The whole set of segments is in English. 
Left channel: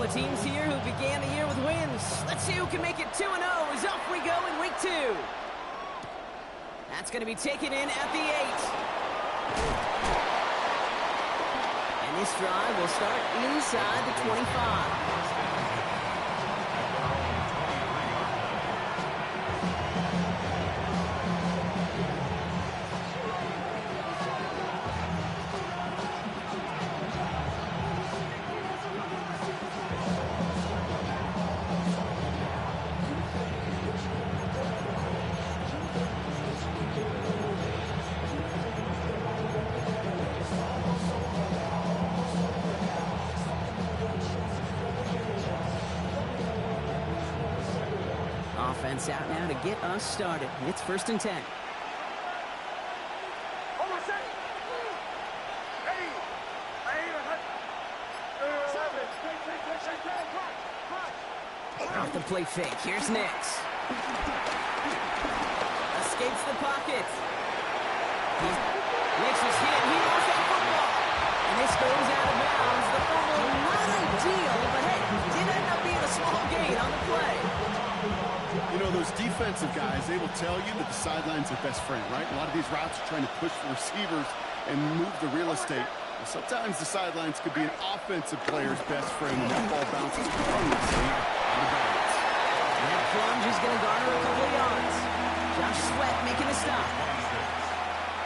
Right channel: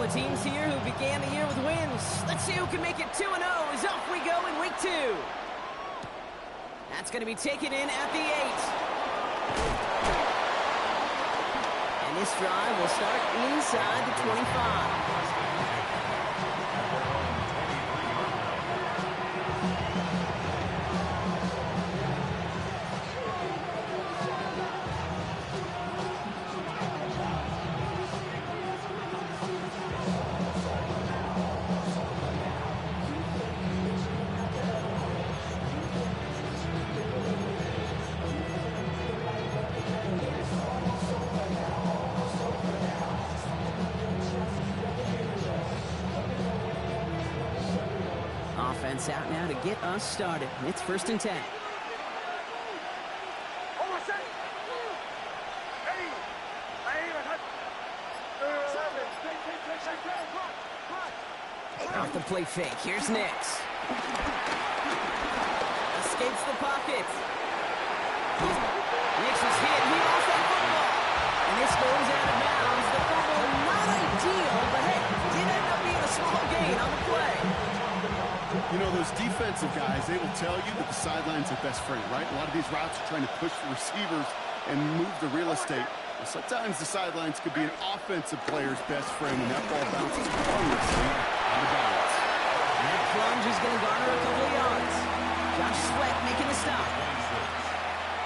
couple of teams here who began the year with wins. Let's see who can make it 2-0 as off we go in week 2. That's going to be taken in at the 8. And this drive will start inside the 25. Offense out now to get us started. It's 1st and 10. Off the play fake. Here's Nix. Escapes the pocket. Nix was hit. He lost that football. And this goes out of bounds. The fumble, not ideal, but hey, did end up being a small gain on the play. You know, those defensive guys, they will tell you that the sideline's their best friend, right? A lot of these routes are trying to push the receivers and move the real estate. Well, sometimes the sidelines could be an offensive player's best friend when that ball bounces harmlessly out of bounds. That plunge is going to garner a couple of yards. Josh Sweat making the stop.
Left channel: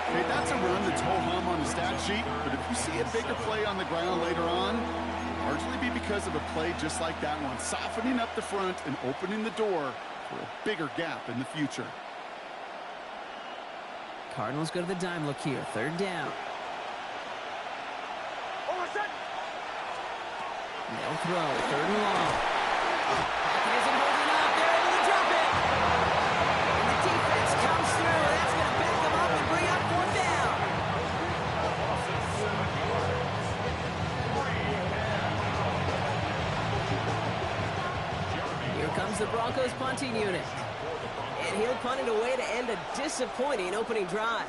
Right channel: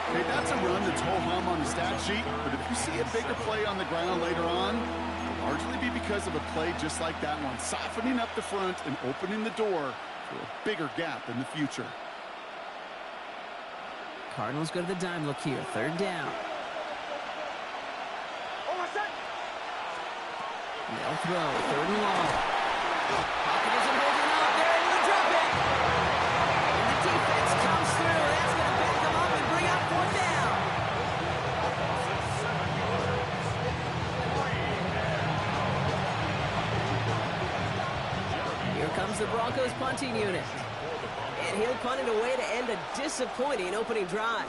Okay, that's a run that's ho-hum on the stat sheet, but if you see a bigger play on the ground later on, it'll largely be because of a play just like that one, softening up the front and opening the door for a bigger gap in the future. Cardinals go to the dime look here. 3rd down. They'll throw. 3rd and long. Pocket isn't holding up. They're able to drop it. And the defense comes through. That's going to back them up and bring up 4th down. Here comes the Broncos punting unit. And he'll punt it away to end a disappointing opening drive.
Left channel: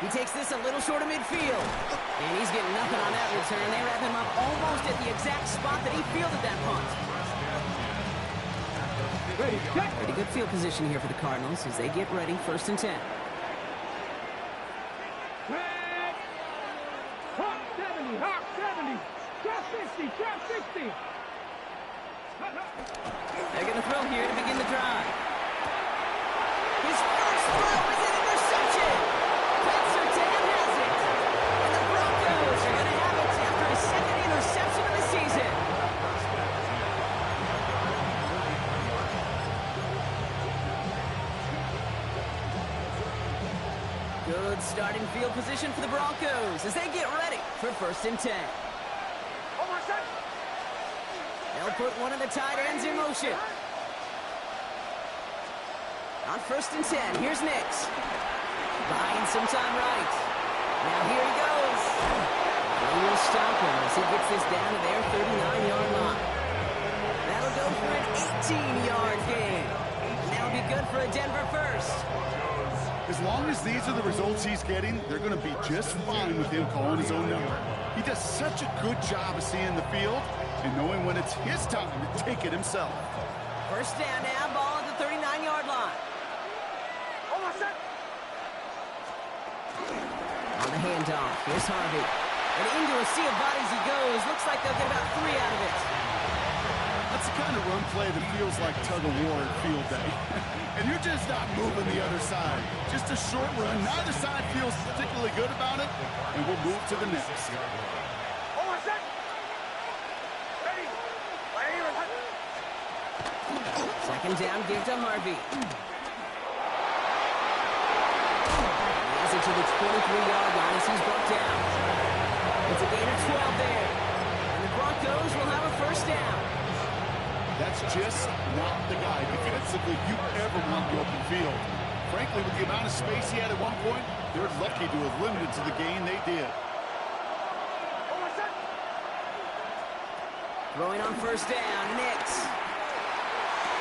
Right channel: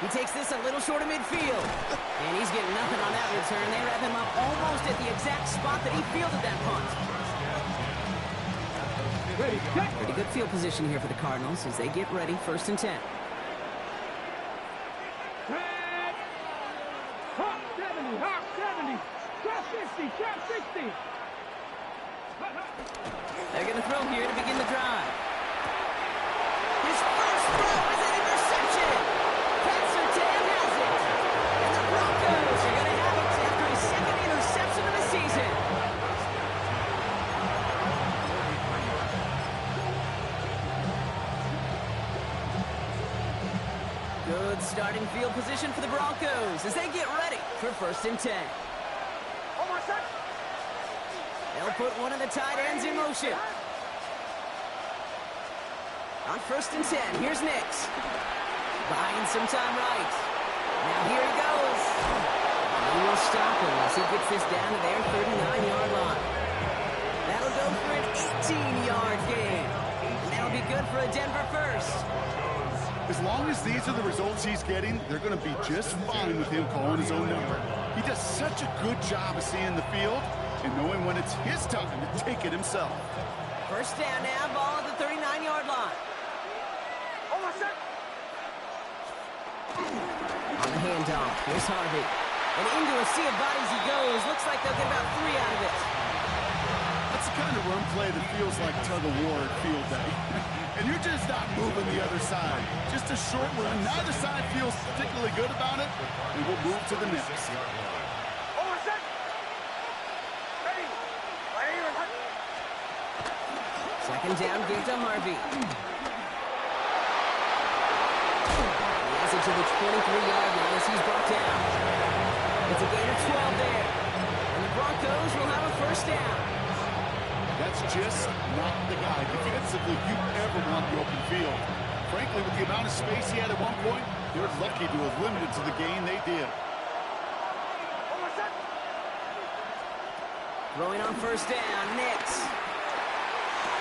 He takes this a little short of midfield. And he's getting nothing on that return. They wrap him up almost at the exact spot that he fielded that punt. Pretty good field position here for the Cardinals as they get ready. 1st and 10. Hawk 70, Hawk 70. Trap 60, trap 60. They're going to throw here to begin the drive. His first throw is an interception. Pat Surtain has it. And the Broncos are going to have it after his 2nd interception of the season. Good starting field position for the Broncos as they get ready for 1st and 10. They'll put one of the tight ends in motion. On 1st and 10, here's Nix. Buying some time right. Now here he goes. He will stop him as he gets this down to their 39-yard line. That'll go for an 18-yard gain. And that'll be good for a Denver first. As long as these are the results he's getting, they're going to be just fine with him calling his own number. He does such a good job of seeing the field and knowing when it's his time to take it himself. 1st down now, ball at the 39-yard line. On the handoff, here's Harvey. And into a sea of bodies he goes. Looks like they'll get about 3 out of it. That's the kind of run play that feels like tug-of-war at field day. And you're just not moving the other side. Just a short run. Neither side feels particularly good about it. And we'll move to the next. Second down, give to Harvey. He has it to the 23-yard line as he's brought down. It's a gain of 12 there. And the Broncos will have a 1st down. That's just not the guy defensively you ever want the open field. Frankly, with the amount of space he had at one point, they're lucky to have limited to the gain they did. Throwing on 1st down, Nix.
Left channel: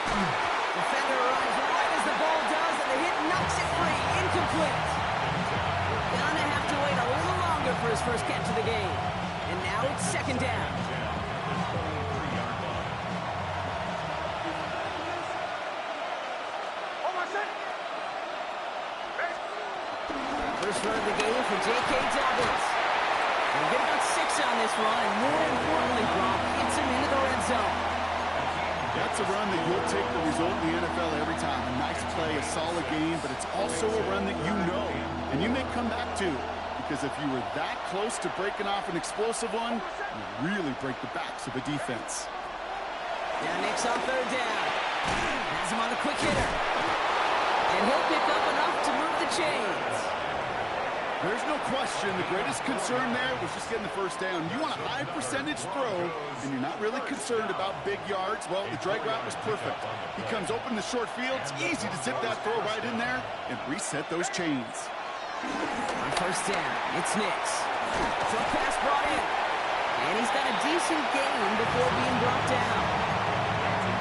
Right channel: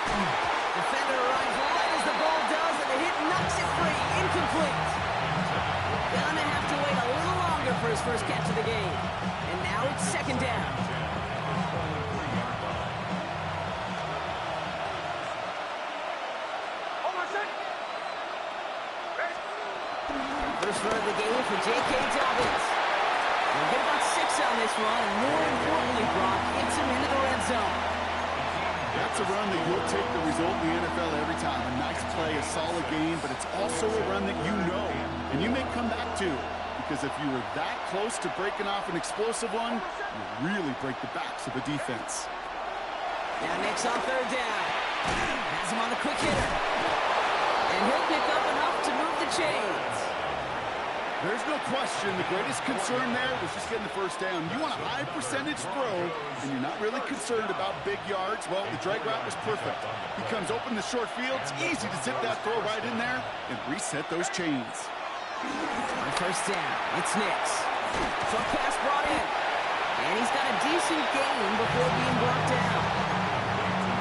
Defender arrives right as the ball does, and the hit knocks it free. Incomplete. Gonna have to wait a little longer eager for his first catch of the game. And now it's second down. First run of the game for J.K. Dobbins. He'll get about 6 on this run, and more importantly, Brock, hits him into the red zone. That's a run that you'll take the result in the NFL every time. A nice play, a solid game, but it's also a run that you know, and you may come back to. Because if you were that close to breaking off an explosive one, you really break the backs of a defense. Now Nick's on third down. Has him on the quick hitter. And he'll pick up enough to move the chains. There's no question the greatest concern there was just getting the first down. You want a high percentage throw, and you're not really concerned about big yards. Well, the drag route was perfect. He comes open in the short field. It's easy to zip that throw right in there and reset those chains. On first down, it's Nix. Short pass brought in. And he's got a decent gain before being brought down.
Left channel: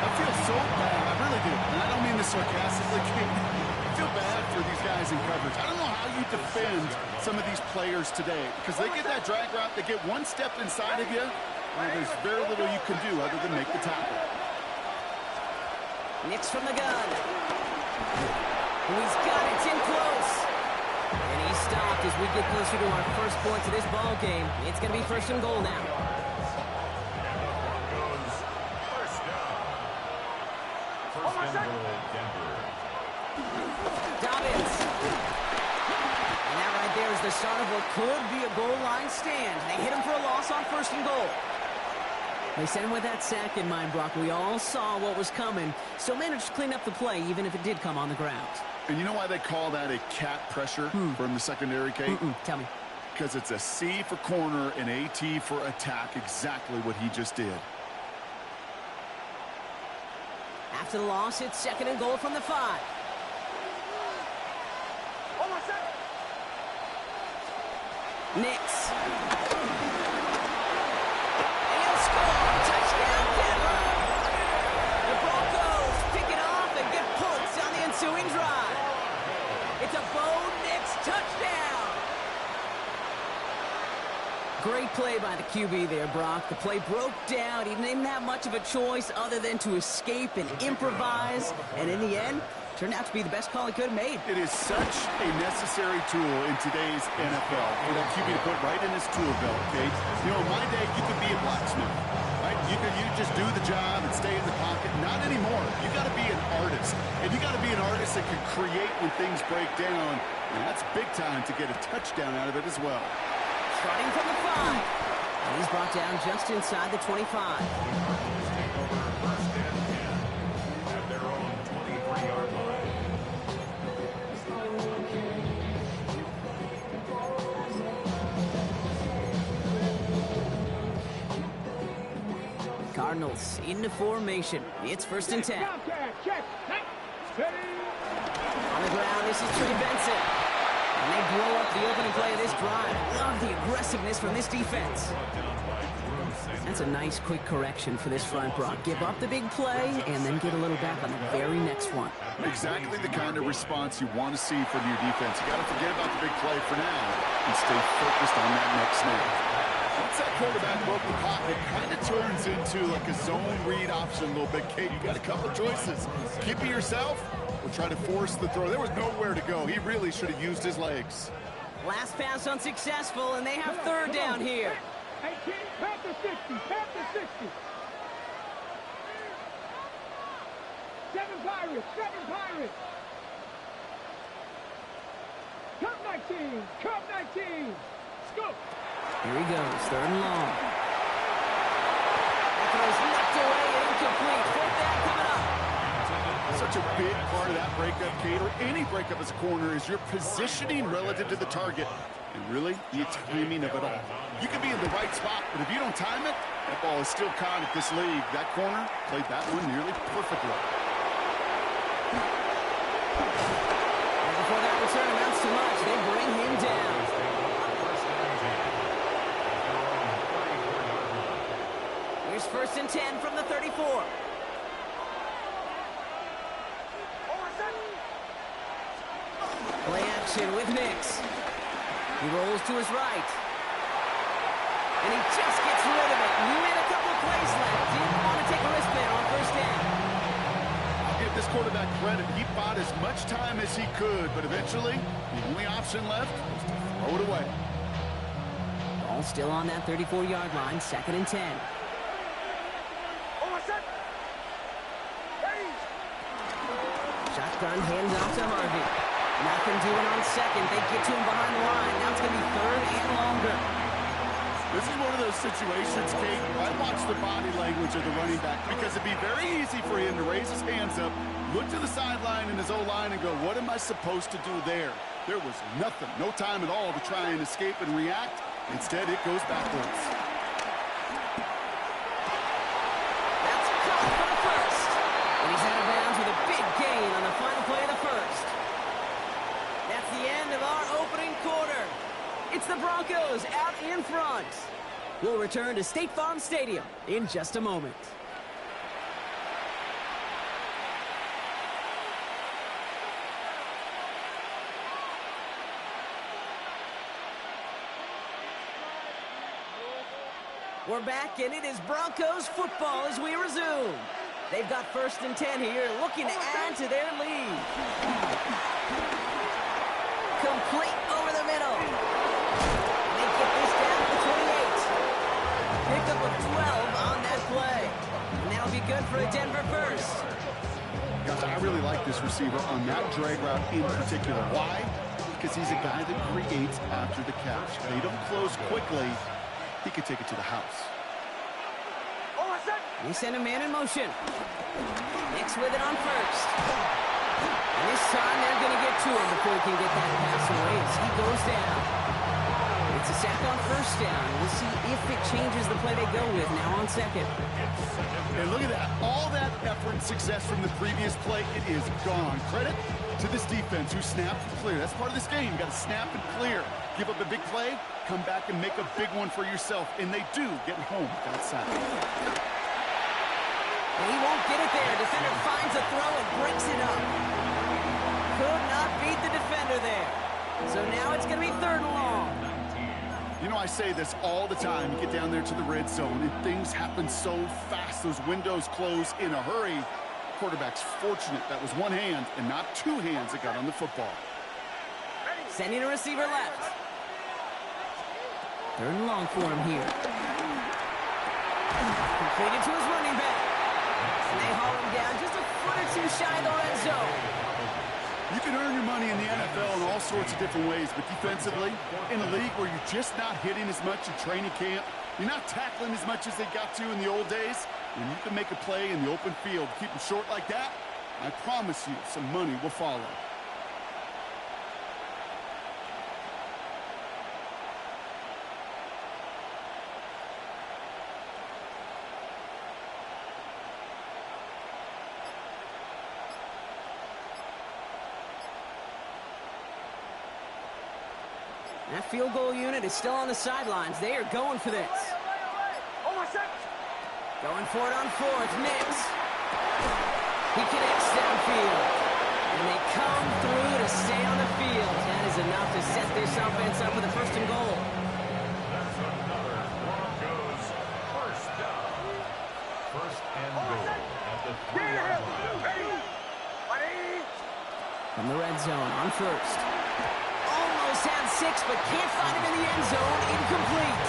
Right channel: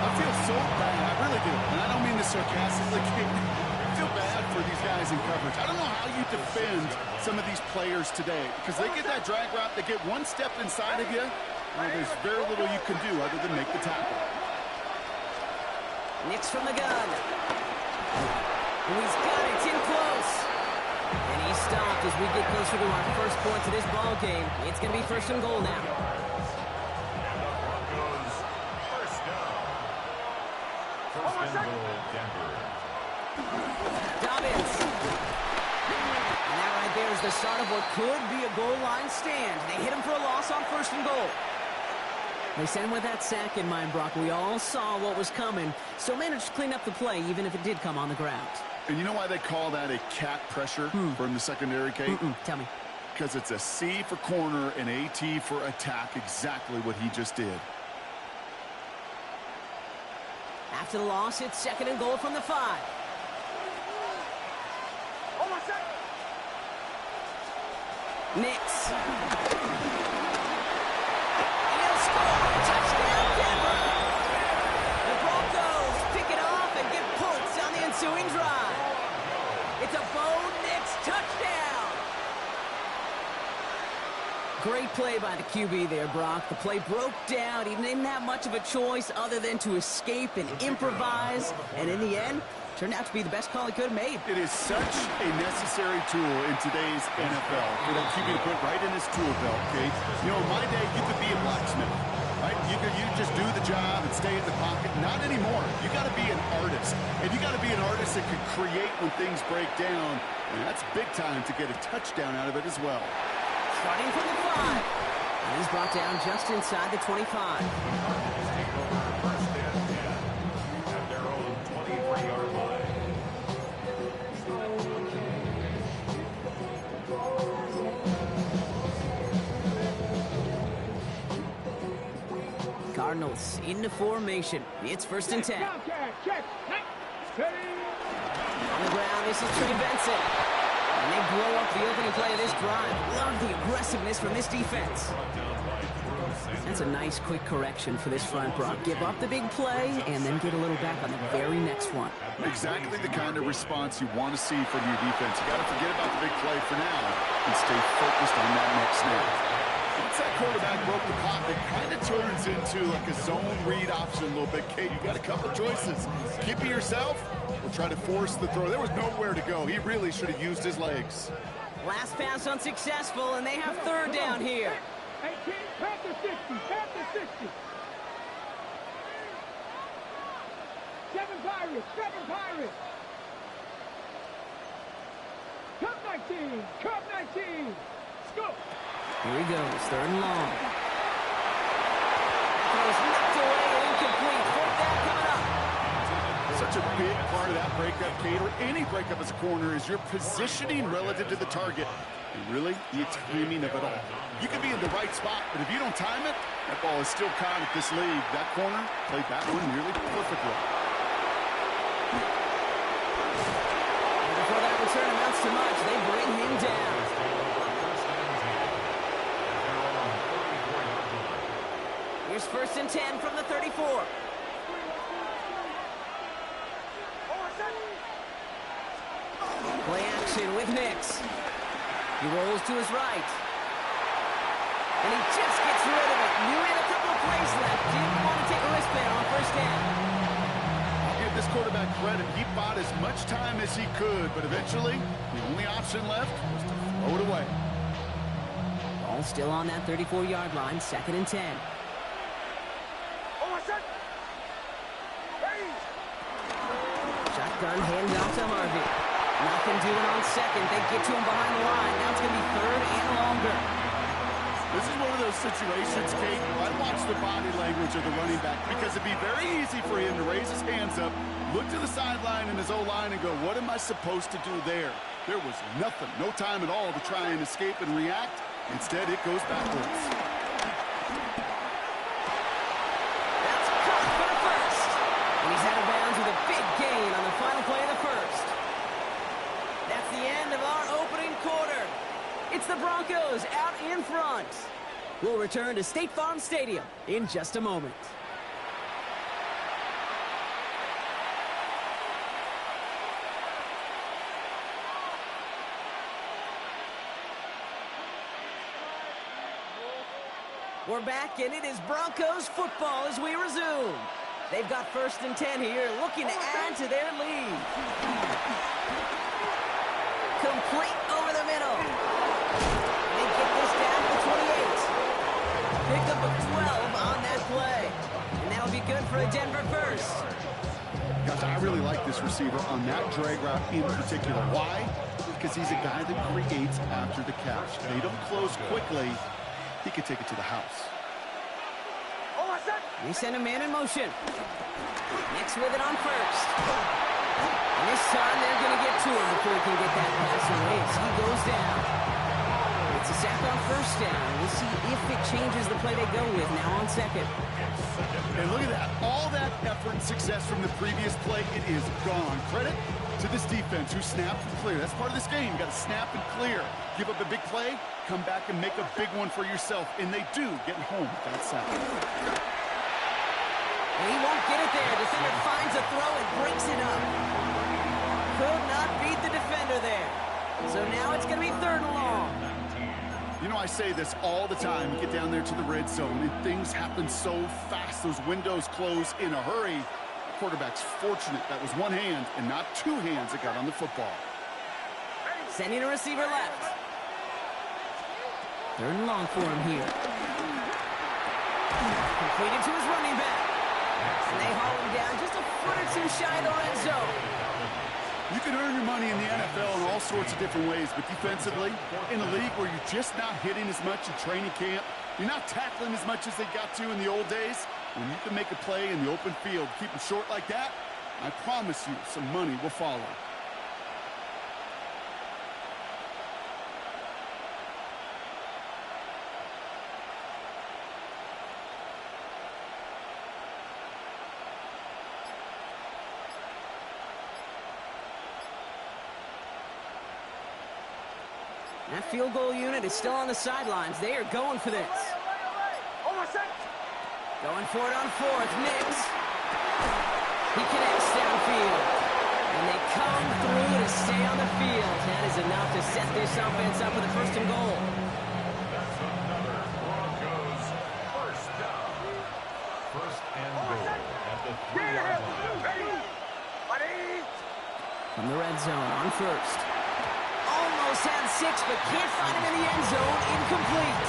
I feel so bad. I really do. And I don't mean this sarcastically. I feel bad for these guys in coverage. I don't know how you defend some of these players today because they get that drag route, they get one step inside of you, well, there's very little you can do other than make the tackle. Nix from the gun. Oh, he's got it. It's in close. And he's stopped as we get closer to our first point to this ball game. It's going to be first and goal now. First and goal, Denver. Dobbins. And that right there is the start of what could be a goal line stand. They hit him for a loss on first and goal. They sent him with that sack in mind, Brock. We all saw what was coming. Still managed to clean up the play, even if it did come on the ground. And you know why they call that a cat pressure from the secondary, Kate? Tell me. Because it's a C for corner and a T for attack, exactly what he just did. After the loss, it's second and goal from the 5. Nix. And he'll score. Touchdown, Denver. The Broncos pick it off and get points on the ensuing drive. It's a Bo Nix touchdown. Great play by the QB there, Brock. The play broke down. He didn't have much of a choice other than to escape and improvise. And in the end, turned out to be the best call he could have made. It is such a necessary tool in today's NFL for that QB to put right in his tool belt, Kate. You know, in my day, you could be a blacksmith, right? You just do the job and stay in the pocket. Not anymore. You got to be an artist. And you got to be an artist that can create when things break down. And that's big time to get a touchdown out of it as well. Starting from the 5. And he's brought down just inside the 25. The Cardinals take over first and 10 at their own 23-yard line. Cardinals into formation. It's first and 10. On the ground, this is Trey Benson. And they blow up the opening play of this drive. Love the aggressiveness from this defense. That's a nice quick correction for this front, Brock. Give up the big play and then get a little back on the very next one. Exactly the kind of response you want to see from your defense. You got to forget about the big play for now and stay focused on that next snap. Once that quarterback broke the pocket, kind of turns into like a zone read option a little bit. Kate, you got a couple choices. Keep it yourself or try to force the throw. There was nowhere to go. He really should have used his legs. Last pass unsuccessful, and they have third down here. 18, Panther 60, Panther 60. 7 Pirates, 7 Pirates. Cup 19, Cup 19. Scoop. Here he goes, third and long. That throw's knocked away and incomplete. Fourth down coming up. Such a big part of that breakup, Kate, or any breakup as a corner, is your positioning relative to the target and really the timing of it all. You can be in the right spot, but if you don't time it, that ball is still caught at this league. That corner played that one nearly perfectly. And before that return amounts to much, they bring him down. Here's first and 10 from the 34. Play action with Nix. He rolls to his right. And he just gets rid of it. Knew he had a couple of plays left. Didn't want to take a risk there on first down. I'll give this quarterback credit. He bought as much time as he could, but eventually, the only option left was to throw it away. Ball still on that 34-yard line, 2nd and 10. Shotgun handoff to Harvey. Nothing doing on second. They get to him behind the line. Now it's going to be 3rd and longer. This is one of those situations, Kate, I watch the body language of the running back because it'd be very easy for him to raise his hands up, look to the sideline in his O-line and go, what am I supposed to do there? There was nothing, no time at all to try and escape and react. Instead, it goes backwards. That's caught for the first. And he's out of bounds with a big gain on the final play of the first. That's the end of our opening quarter. It's the Broncos out in front. We'll return to State Farm Stadium in just a moment. We're back, and it is Broncos football as we resume. They've got 1st and 10 here, looking to add to their lead. Complete over the middle. They get this down to the 28. Pickup of 12 on that play. And that'll be good for a Denver first. Gosh, I really like this receiver on that drag route in particular. Why? Because he's a guy that creates after the catch. They don't close quickly. He could take it to the house. They send a man in motion. Nix with it on first. And this time they're going to get to him before he can get that pass away as he goes down. It's a sack on first down. We'll see if it changes the play they go with now on second. And look at that. All that effort and success from the previous play, it is gone. Credit to this defense who snapped and cleared. That's part of this game. You got to snap and clear. Give up a big play, come back and make a big one for yourself. And they do get home with that sack. And he won't get it there. Defender finds a throw and breaks it up. Could not beat the defender there. So now it's going to be 3rd and long. You know, I say this all the time. You get down there to the red zone, and things happen so fast. Those windows close in a hurry. The quarterback's fortunate that was one hand and not two hands that got on the football. Sending a receiver left. 3rd and long for him here. Completed to his running back. And they haul him down just a foot or two shy of the red zone. You can earn your money in the NFL in all sorts of different ways, but defensively, in a league where you're just not hitting as much in training camp, you're not tackling as much as they got to in the old days, when you can make a play in the open field, keep them short like that, I promise you some money will follow. That field goal unit is still on the sidelines. They are going for this. Going for it on 4th. Nix. He connects downfield. And they come through to stay on the field. That is enough to set this offense up with a 1st and goal. That's another Broncos first down. 1st and goal at the 3-yard line. From the red zone on 1st. Almost had 6, but can't find him in the end zone. Incomplete.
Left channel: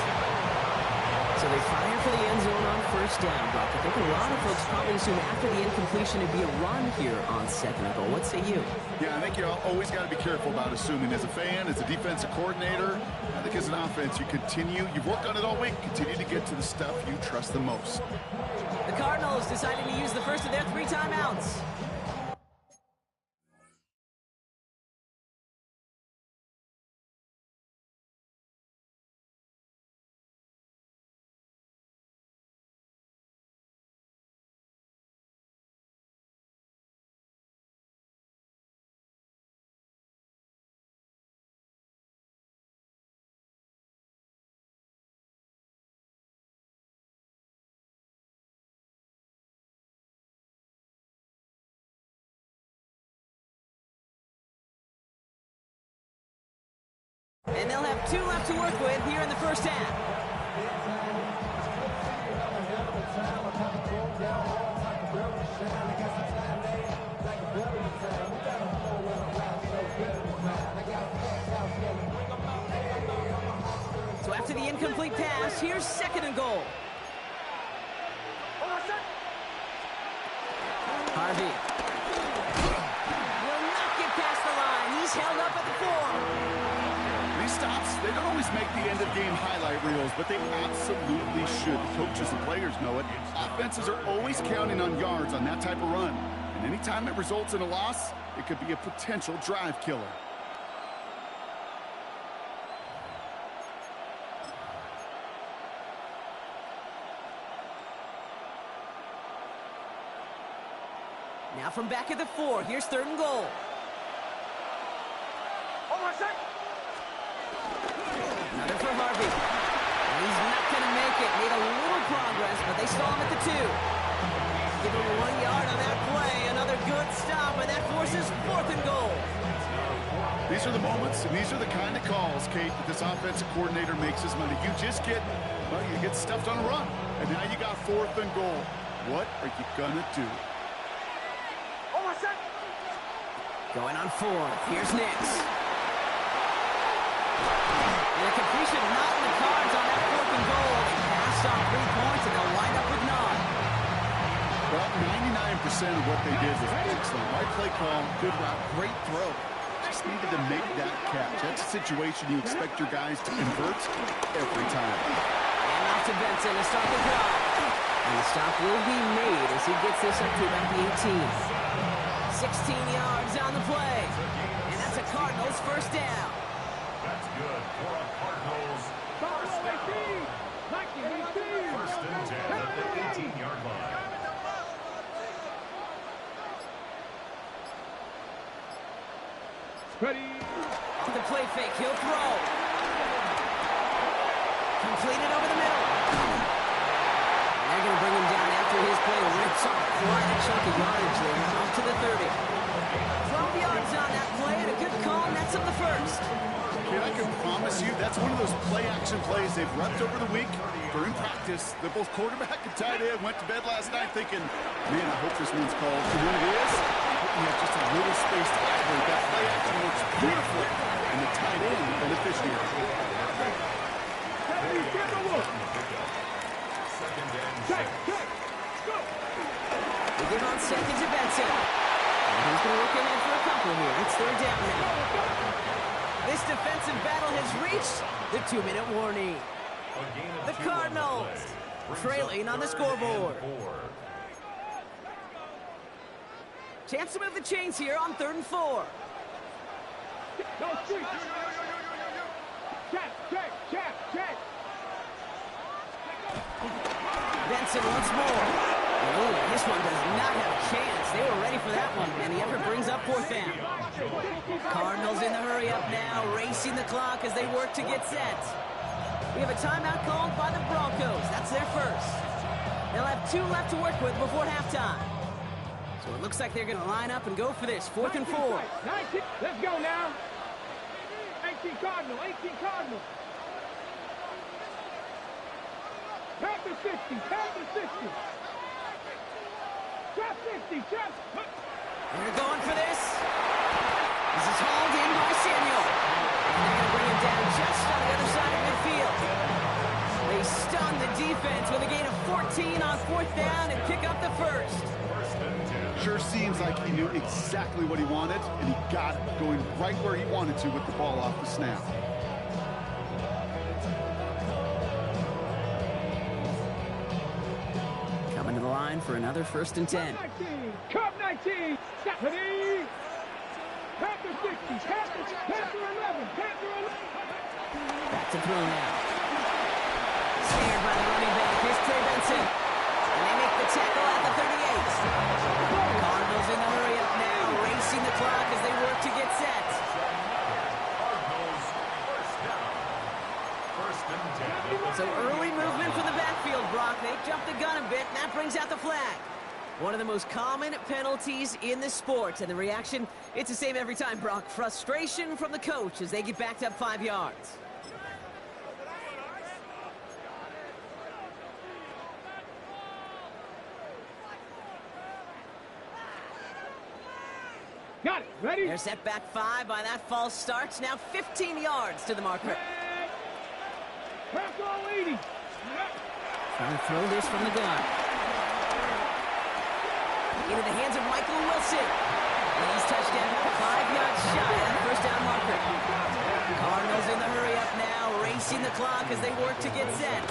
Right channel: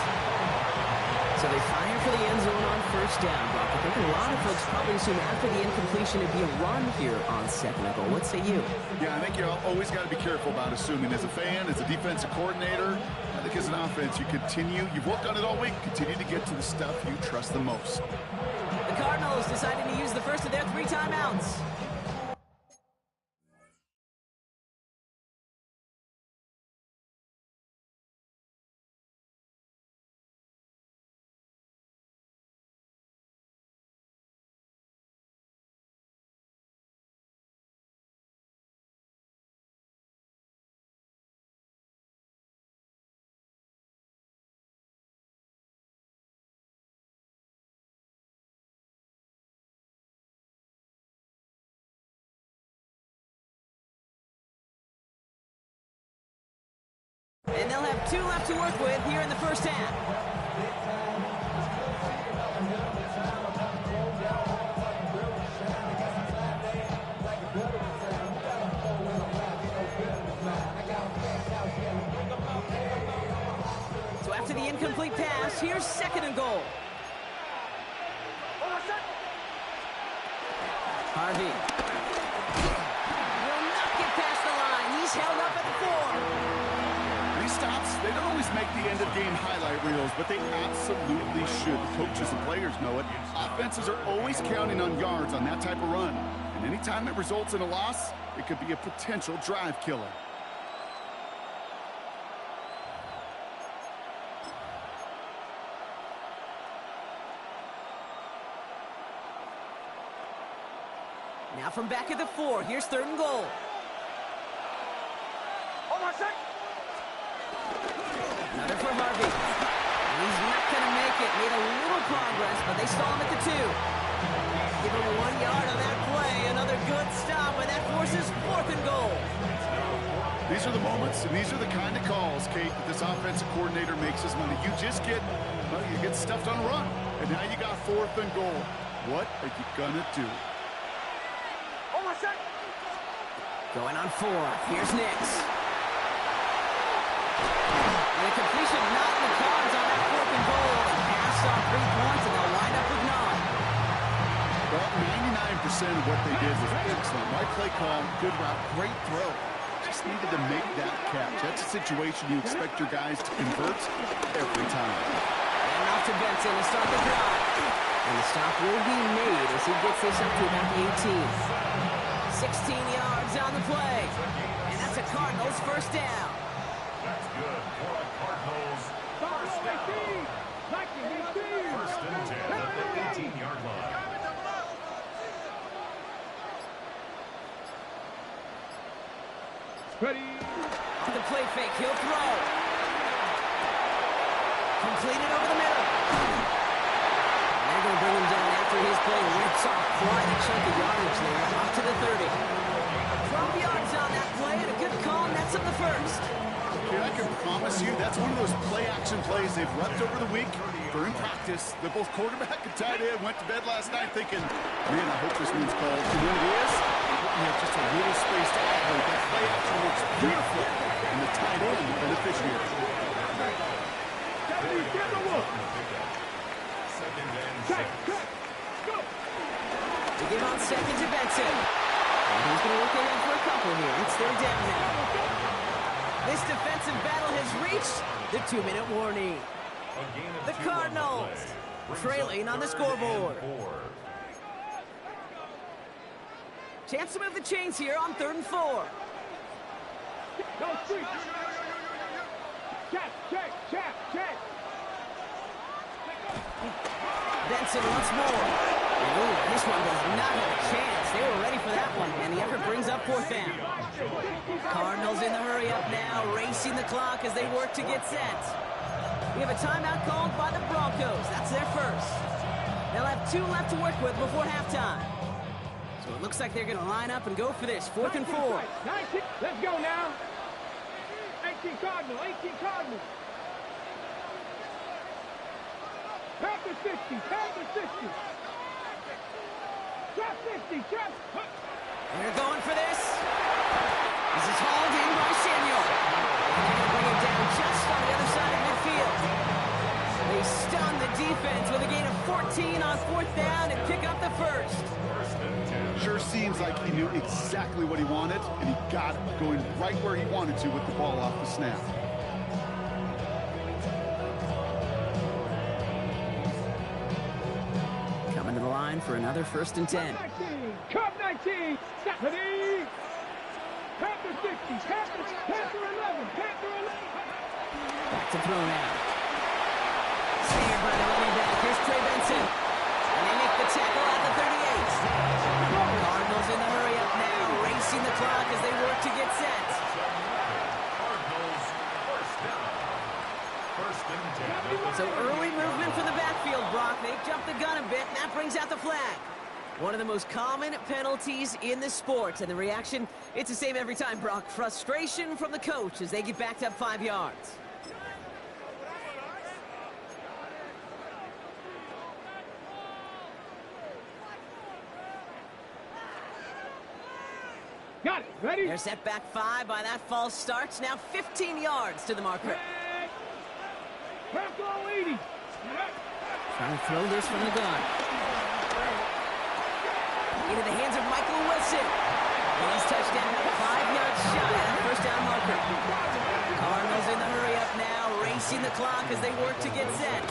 So they fire for the end zone on 1st down, Brock. I think a lot of folks probably assume after the incompletion it'd be a run here on 2nd and goal. What say you? Yeah, I think you always got to be careful about assuming. As a fan, as a defensive coordinator, I think as an offense, you've worked on it all week, continue to get to the stuff you trust the most. The Cardinals deciding to use the first of their 3 timeouts. And they'll have 2 left to work with here in the 1st half. So after the incomplete pass, here's 2nd and goal. Harvey will not get past the line. He's held up at the 4. These stops, they don't always make the end-of-game highlight reels, but they absolutely should. The coaches and players know it. Offenses are always counting on yards on that type of run. And anytime it results in a loss, it could be a potential drive killer. Now from back at the 4, here's 3rd and goal. Another for Harvey. And he's not going to make it. Made a little progress, but they stall him at the 2. Give him 1 yard on that play. Another good stop, and that forces 4th and goal. These are the moments, and these are the kind of calls, Kate, that this offensive coordinator makes his money. You just get, well, you get stuffed on a run. And now you got 4th and goal. What are you going to do? Going on 4th. Here's Nix. And a completion not in the cards on that 4th and goal. They passed on 3 points, and they'll wind up with 9. Well, 99% of what they did was excellent. Right play call, good route, great throw. Just needed to make that catch. That's a situation you expect your guys to convert every time. And off to Benson to start the drive. And the stop will be made as he gets this up to about the 18. 16 yards on the play. And that's a Cardinals first down. That's good for a Cardinals first down. First and 10 at the 18-yard line. Ready. Off the play fake, he'll throw. Completed over the middle. And they're going to bring him down after his play rips off quite a chunk of yardage there. Up to the 30. 12 yards on that play, and a good call nets up the first. Kid, I can promise you that's one of those play-action plays they've repped over the week during practice. That both quarterback and tight end went to bed last night thinking, man, I hope this one's called. And when it is, you have just a little space to operate. That play action works beautifully, and the tight end, the beneficiary. Check. Go. They give on 2nd to Benson. And he's going to look ahead for a couple here. It's 3rd down now. This defensive battle has reached the 2-minute warning. The Cardinals trailing on the scoreboard. Chance to move the chains here on 3rd and 4. No street. Check. Benson once more. Ooh, this one does not have a chance. They were ready for that one, and the effort brings up 4th down. Cardinals in the hurry up now, racing the clock as they work to get set. We have a timeout called by the Broncos. That's their first. They'll have 2 left to work with before halftime. So it looks like they're going to line up and go for this. 4th and 4. 19. Let's go now. 18 Cardinal. Panther 60. Trap 50. They're going for this. This is hauled in by Samuel. And they're going to bring him down just on the other side of midfield. They stun the defense with a gain of 14 on 4th down and pick up the first. Sure seems like he knew exactly what he wanted, and he got it, going right where he wanted to with the ball off the snap. Coming to the line for another 1st and 10. Cup 19. Stephanie. Panther 60. Panther 11. Back to throw now. Snared by the running back. Here's Trey Benson. And they make the tackle at the 38. Cardinals in the hurry up now, racing the clock as they work to get set. Cardinals first down. First and 10. So early movement from the backfield, Brock. They jumped the gun a bit, and that brings out the flag. One of the most common penalties in the sport, and the reaction, it's the same every time, Brock. Frustration from the coach as they get backed up 5 yards. Ready? They're set back 5 by that false start. Now 15 yards to the marker. Bronco 80. Trying to throw this from the gun. Into the hands of Michael Wilson. And he's touchdown about 5 yards shy of that first down marker. Cardinals in the hurry up now, racing the clock as they work to get set.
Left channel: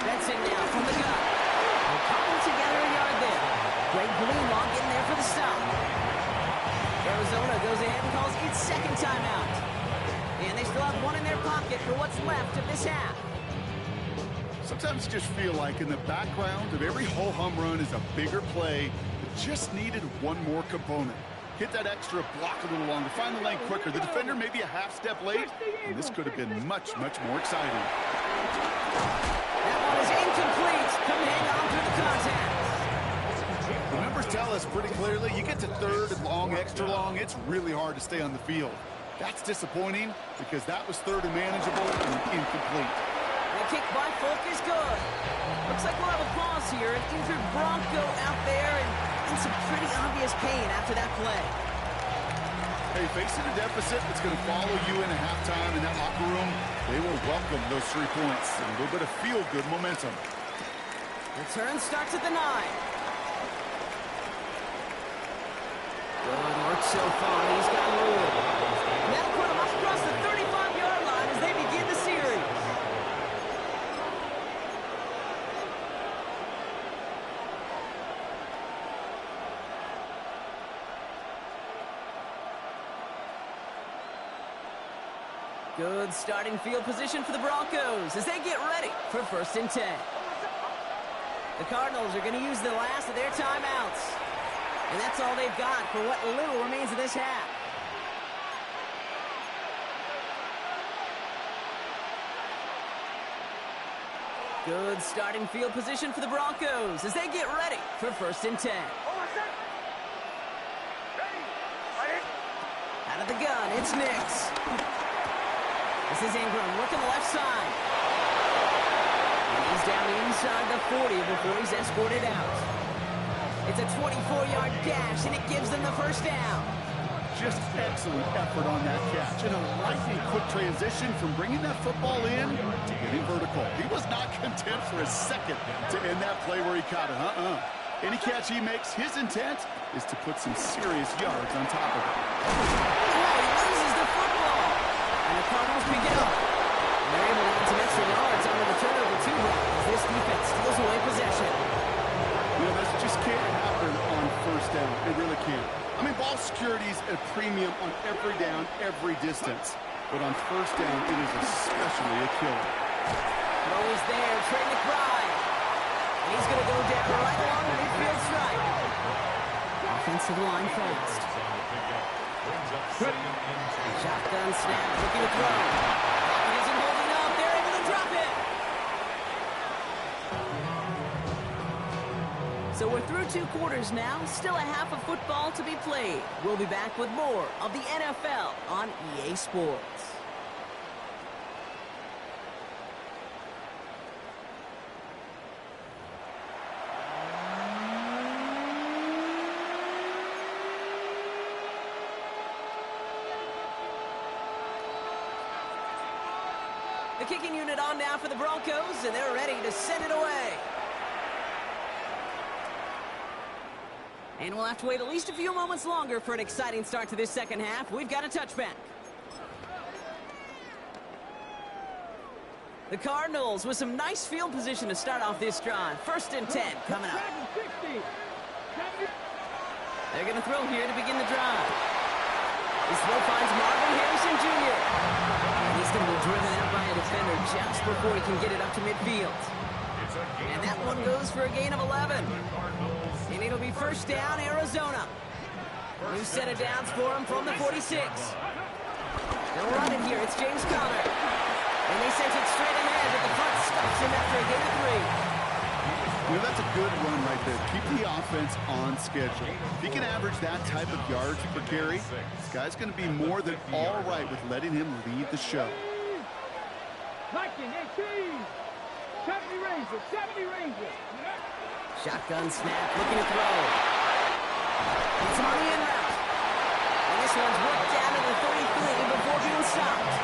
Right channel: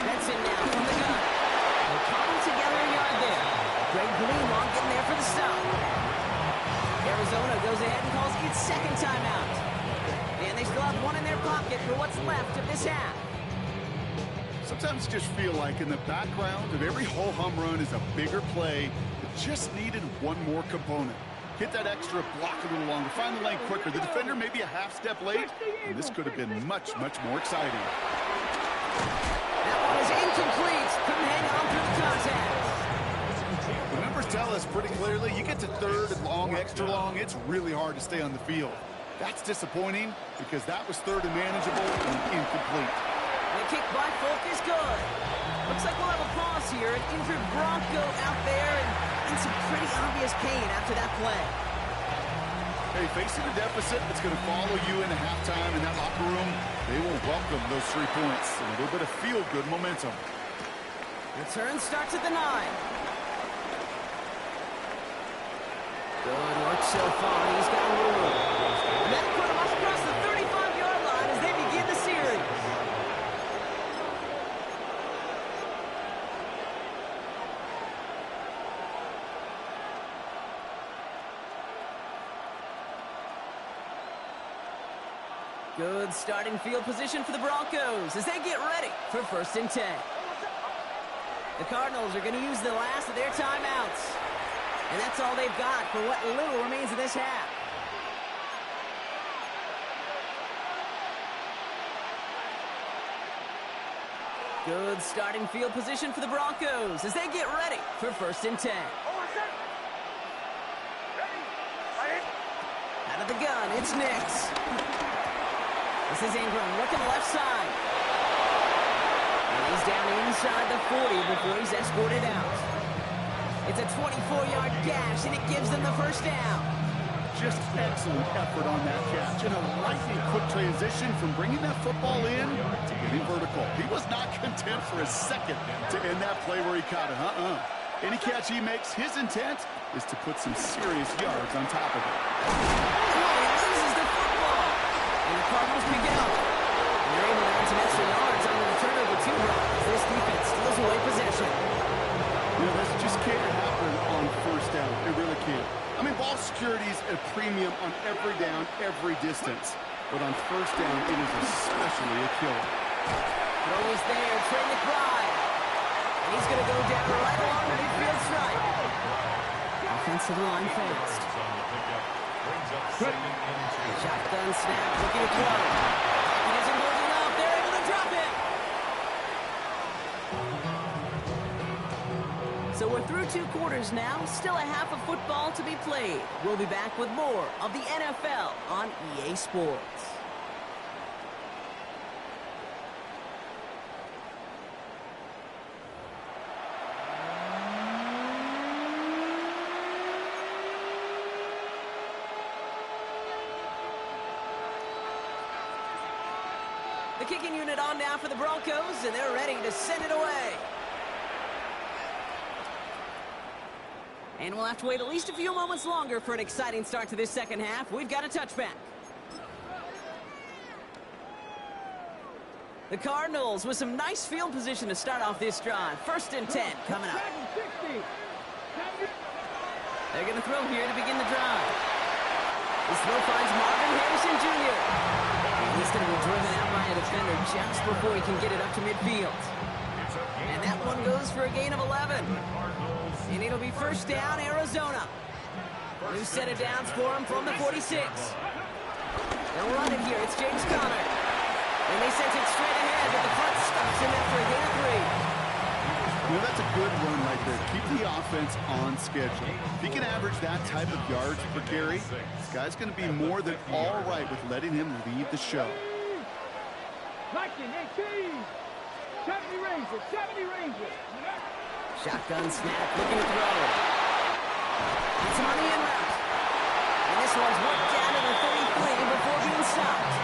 Benson now from the gun. They'll cobble together a yard there. Greg Greenlaw getting there for the stop. Arizona goes ahead and calls its second timeout. And they still have one in their pocket for what's left of this half. Sometimes you just feel like in the background of every ho-hum run is a bigger play that just needed one more component. Hit that extra block a little longer, find the lane quicker. The defender maybe a half step late, and this could have been much, much more exciting. That one is incomplete. Couldn't hang on through the contact. The numbers tell us pretty clearly, you get to third and long, extra long, it's really hard to stay on the field. That's disappointing because that was third and manageable and incomplete. The kick by Folk is good. Looks like we'll have a pause here. An injured Bronco out there and in some pretty obvious pain after that play. Hey, facing a deficit that's going to follow you into halftime in that locker room, they will welcome those 3 points and a little bit of feel-good momentum. Return starts at the 9. Good work so far. He's got room. And that'll put him up across the 35-yard line as they begin the series. Good starting field position for the Broncos as they get ready for 1st and 10. The Cardinals are going to use the last of their timeouts. And that's all they've got for what little remains of this half. Good starting field position for the Broncos as they get ready for 1st and 10. Out of the gun, it's Nix. This is Ingram working the left side. And he's down inside the 40 before he's escorted out. It's a 24-yard gash, and it gives them the first down. Just excellent effort on that catch. And a lightning quick transition from bringing that football in to getting vertical. He was not content for a second to end that play where he caught it. Any catch he makes, his intent is to put some serious yards on top of it. Oh, he loses the football. And the Cardinals pick it up. And they're able to add some extra yards onto the turnover too, as this defense steals away possession. You know, this just can't happen on 1st down. It really can't. I mean, ball security is a premium on every down, every distance. But on 1st down, it is especially a killer. Throw is there, Trey McBride. And he's going to go down right along the midfield stripe. Offensive line fast. Shotgun snap, looking to throw. Pocket isn't holding up. They're able to drop it. So we're through 2 quarters now. Still a half of football to be played. We'll be back with more of the NFL on EA Sports. The kicking unit on now for the Broncos, and they're ready to send it away. And we'll have to wait at least a few moments longer for an exciting start to this second half. We've got a touchback. The Cardinals with some nice field position to start off this drive. 1st and 10 coming up. They're going to throw here to begin the drive. This throw finds Marvin Harrison Jr. And he's going to be driven out by a defender just before he can get it up to midfield. And that one goes for a gain of 11. And it'll be 1st down, Arizona. New set of downs for him from the 46. They'll run it here. It's James Conner. And they sent it straight ahead, but the front stops him after a gain of 3. You know, that's a good run right there. Keep the offense on schedule. If he can average that type of yards per carry, this guy's going to be more than all right with letting him lead the show. Liking 18. 70 Rangers, 70 Rangers. Shotgun snap, looking to throw. It's him on the in route. And this one's worked down to the 33 before being stopped.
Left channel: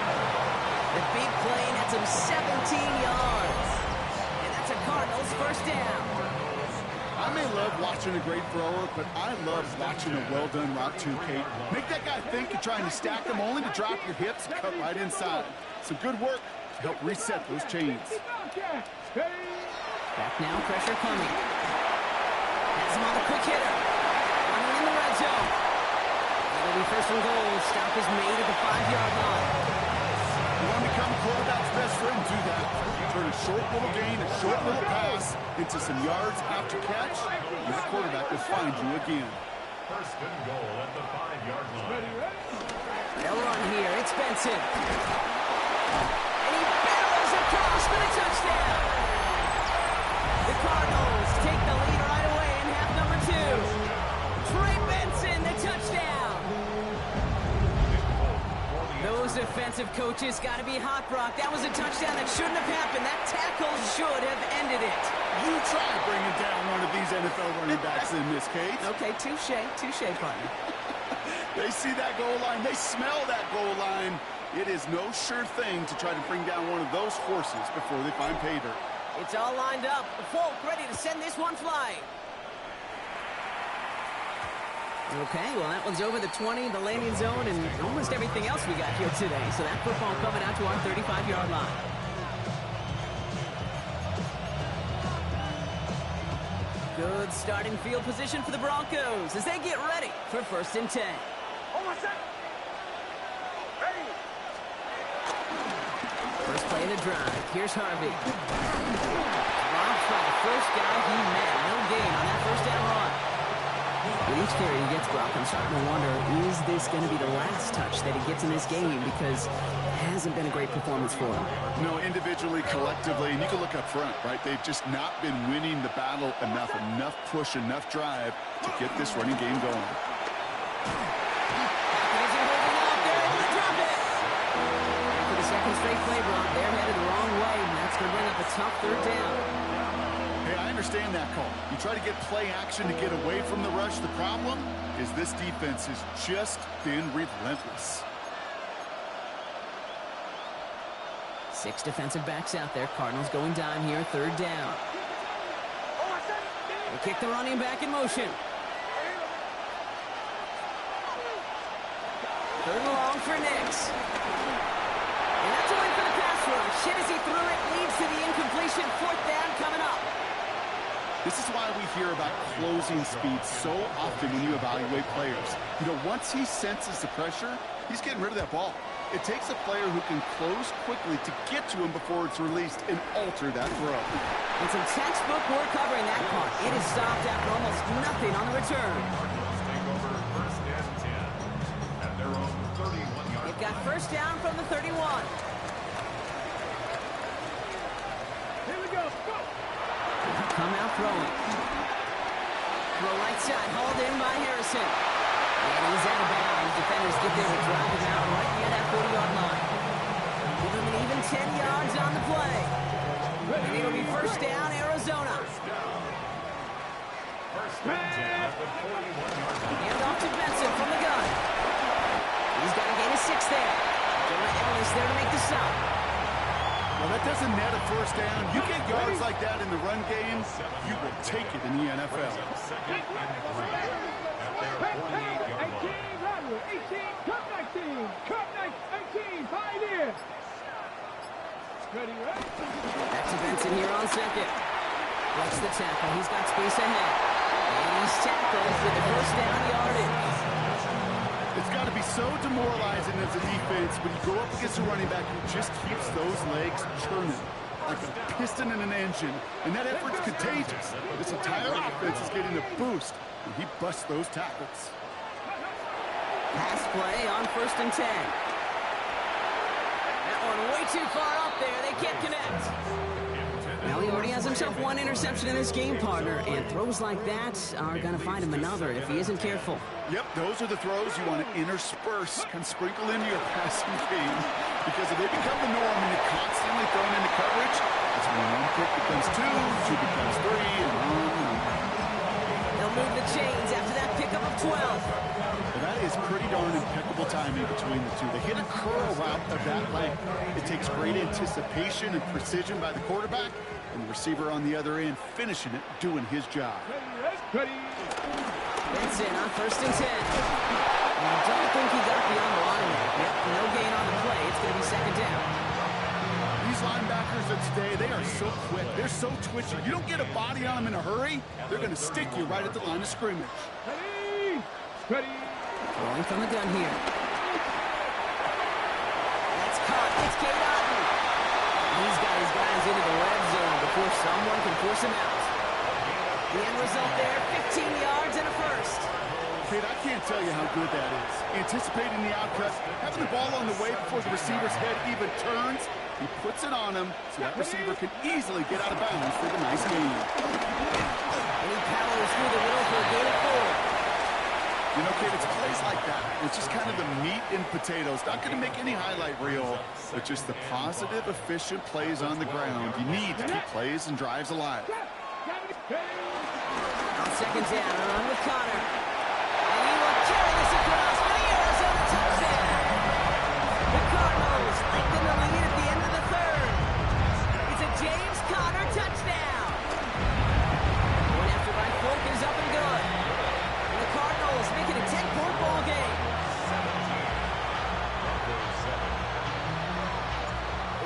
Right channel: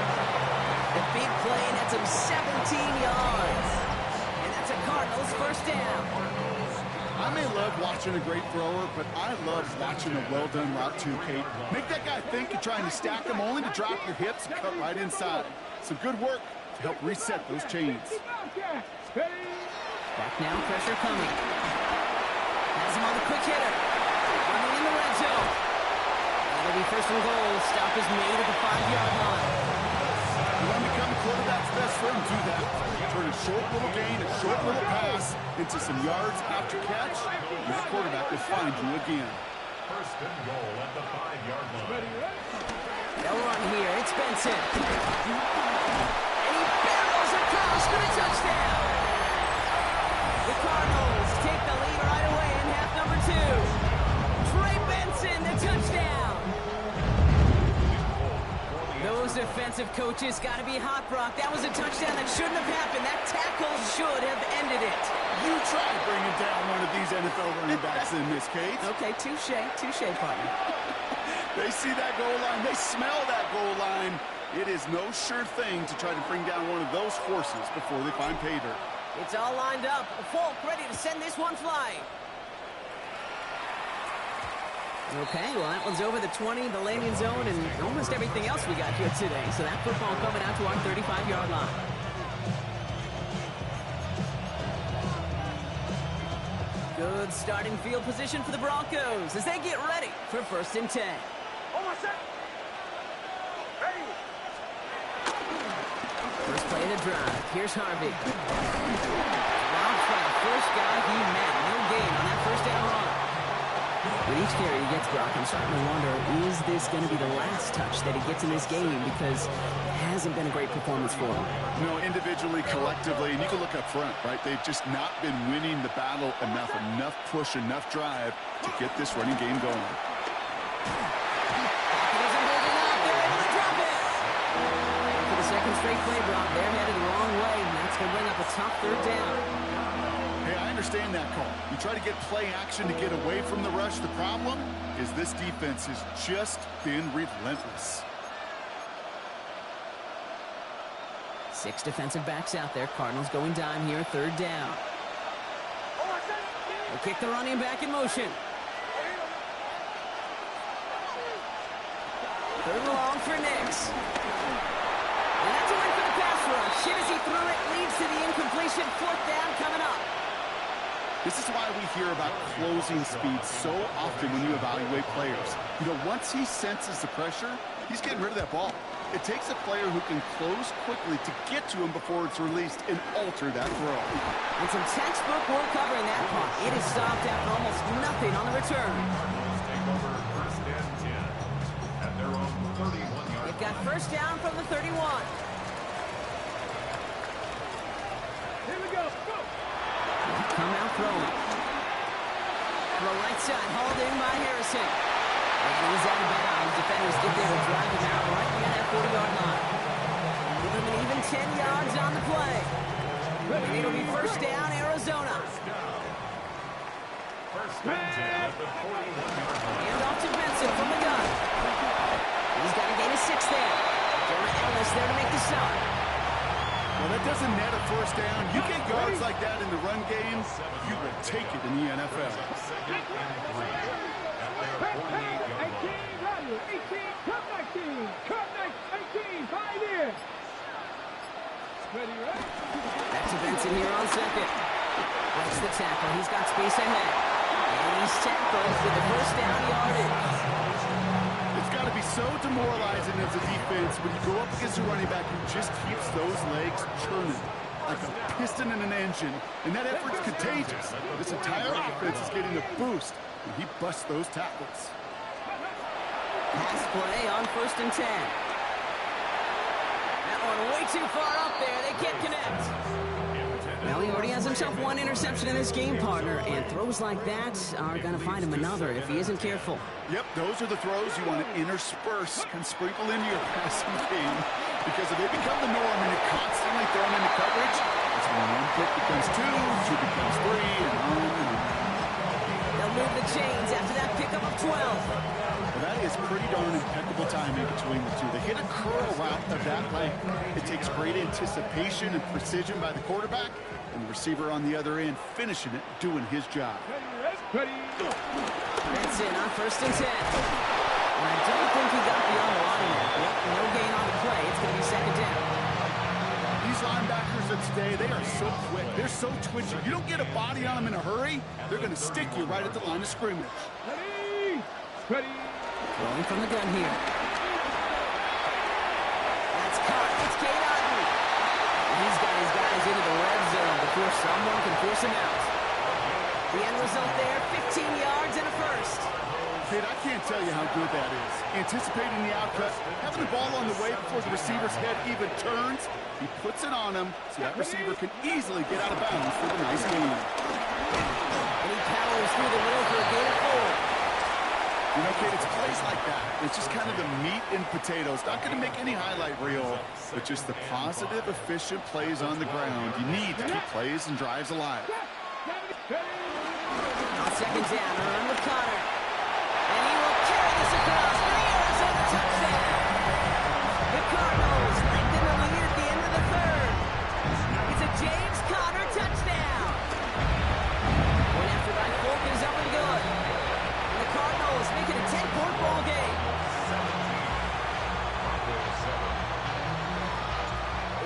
The big play nets him 17 yards. And that's a Cardinals first down. I may love watching a great thrower, but I love watching a well-done route too, Kate. Make that guy think you're trying to stack them only to drop your hips and cut right inside. Some good work to help reset those chains. Back now, pressure coming. Has him on the quick hitter. Running in the red zone. It'll be first and goal. Stop is made at the 5-yard line. You want to become a quarterback's best friend, do that. Turn a short little gain, a short little pass into some yards after catch, and that quarterback will find you again. First and goal at the 5-yard line. They'll run here. It's Benson. And he barrels across for the touchdown. The Cardinals take the lead right away in half number 2. Trey Benson, the touchdown. Those defensive coaches got to be hot, Brock. That was a touchdown that shouldn't have happened. That tackle should have ended it. You try bringing down one of these NFL running backs in this case. Okay, touche, partner. They see that goal line. They smell that goal line. It is no sure thing to try to bring down one of those horses before they find pay dirt. It's all lined up. Folk ready to send this one flying. Okay, well, that one's over the 20, the landing zone, and almost everything else we got here today. So that football coming out to our 35-yard line. Good starting field position for the Broncos as they get ready for first and 10. First play of the drive. Here's Harvey. Dropped by the first guy he met. No gain on that first down run. With each carry he gets, Brock, I'm starting to wonder, is this going to be the last touch that he gets in this game? Because it hasn't been a great performance for him. No, individually, collectively, and you can look up front, right? They've just not been winning the battle enough push, enough drive to get this running game going. Pocket isn't holding up. They're able to drop it. And for the second straight play, Brock, they're headed the wrong way, and that's going to bring up a tough third down. Hey, I understand that call. You try to get play action to get away from the rush. The problem is this defense has just been relentless. 6 defensive backs out there. Cardinals going dime here, third down. They kick the running back in motion. Third and long for Nix. And that's a win for the pass rush. Shit as he threw it leads to the incompletion. Fourth down coming up. This is why we hear about closing speed so often when you evaluate players. You know, once he senses the pressure, he's getting rid of that ball. It takes a player who can close quickly to get to him before it's released and alter that throw. And some textbook work covering that punt. It is stopped after almost nothing on the return. Cardinals take over first and 10 at their own 31-yard They've got first down from the 31. Here we go. Go. Come out throwing. Throw right side, hauled in by Harrison. And he's out of bounds. Defenders get there to drive him out right near that 40-yard line. Give him an even 10 yards on the play. And it'll be first down, Arizona. First and 10 at the 41-yard line. Hand off to Benson from the gun. He's got to gain a 6 there. Jonah Ellis there to make the stop. Well, that doesn't net a first down. You get yards like that in the run game, you will take it in the NFL. Second and 3 at their 48-yard line. 18, Rodler, 18, cut 19, cut 18, 5 in. Ready, right? Back to Benson here on second. Breaks the tackle. He's got space ahead. And he's tackled for the first down yardage. It's got to be so demoralizing as a defense when you go up against a running back who just keeps those legs churning like a piston in an engine. And that effort's contagious. This entire offense is getting a boost when he busts those tackles. Pass play on first and 10. That one way too far up there. They can't connect. Well, he already has himself one interception in this game, partner, and throws like that are going to find him another if he isn't careful. Yep, those are the throws you want to intersperse, kind of sprinkle into your passing game, because if they become the norm and you're constantly thrown into coverage, that's when one pick becomes two becomes three, and on and on. They'll move the chains after that pickup of 12. Well, that is pretty darn impeccable timing between the two. They hit a curl route of that length. It takes great anticipation and precision by the quarterback, and the receiver on the other end finishing it, doing his job. Benson on 1st and 10. And I don't think he got beyond the line there. Yep, no gain on the play. It's going to be 2nd down. These linebackers of today, they are so quick. They're so twitchy. You don't get a body on them in a hurry, they're going to stick you right at the line of scrimmage. Ready. Rolling from the gun here. That's caught. It's Cade Otton. He's got his guys into the red zone before someone can force him out. The end result there, 15 yards and a first. Kate, I can't tell you how good that is. Anticipating the outcut, having the ball on the way before the receiver's head even turns, he puts it on him so that receiver can easily get out of bounds for the nice gain. And he powers through the middle for a gain of 4. You know, Kate, it's plays like that. It's just kind of the meat and potatoes. Not going to make any highlight reel, but just the positive, efficient plays on the ground. You need to keep plays and drives alive. On 2nd down, a run with Connor. And he will carry this across for the Arizona touchdown. The Cardinals lengthen the lead at the end of the 3rd. It's a James Conner touchdown. One after by Folk is up and good. And the Cardinals make it a 10-point ball game. 17.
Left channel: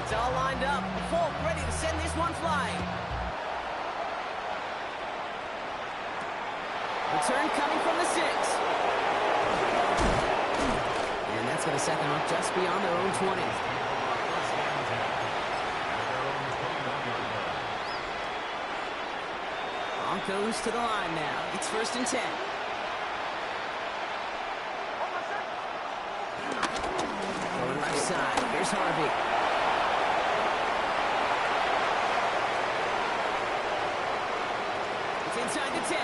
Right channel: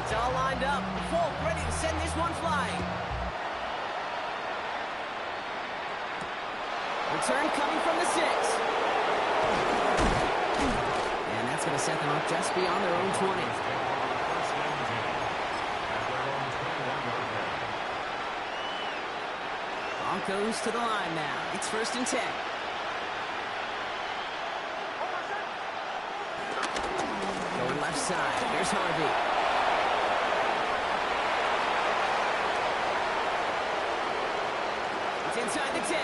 It's all lined up. Folk ready to send this one flying. Return coming from the 6. And that's going to set them up just beyond their own 20. Broncos to the line now. It's 1st and 10. Going left side. Here's Harvey. It's inside the 10.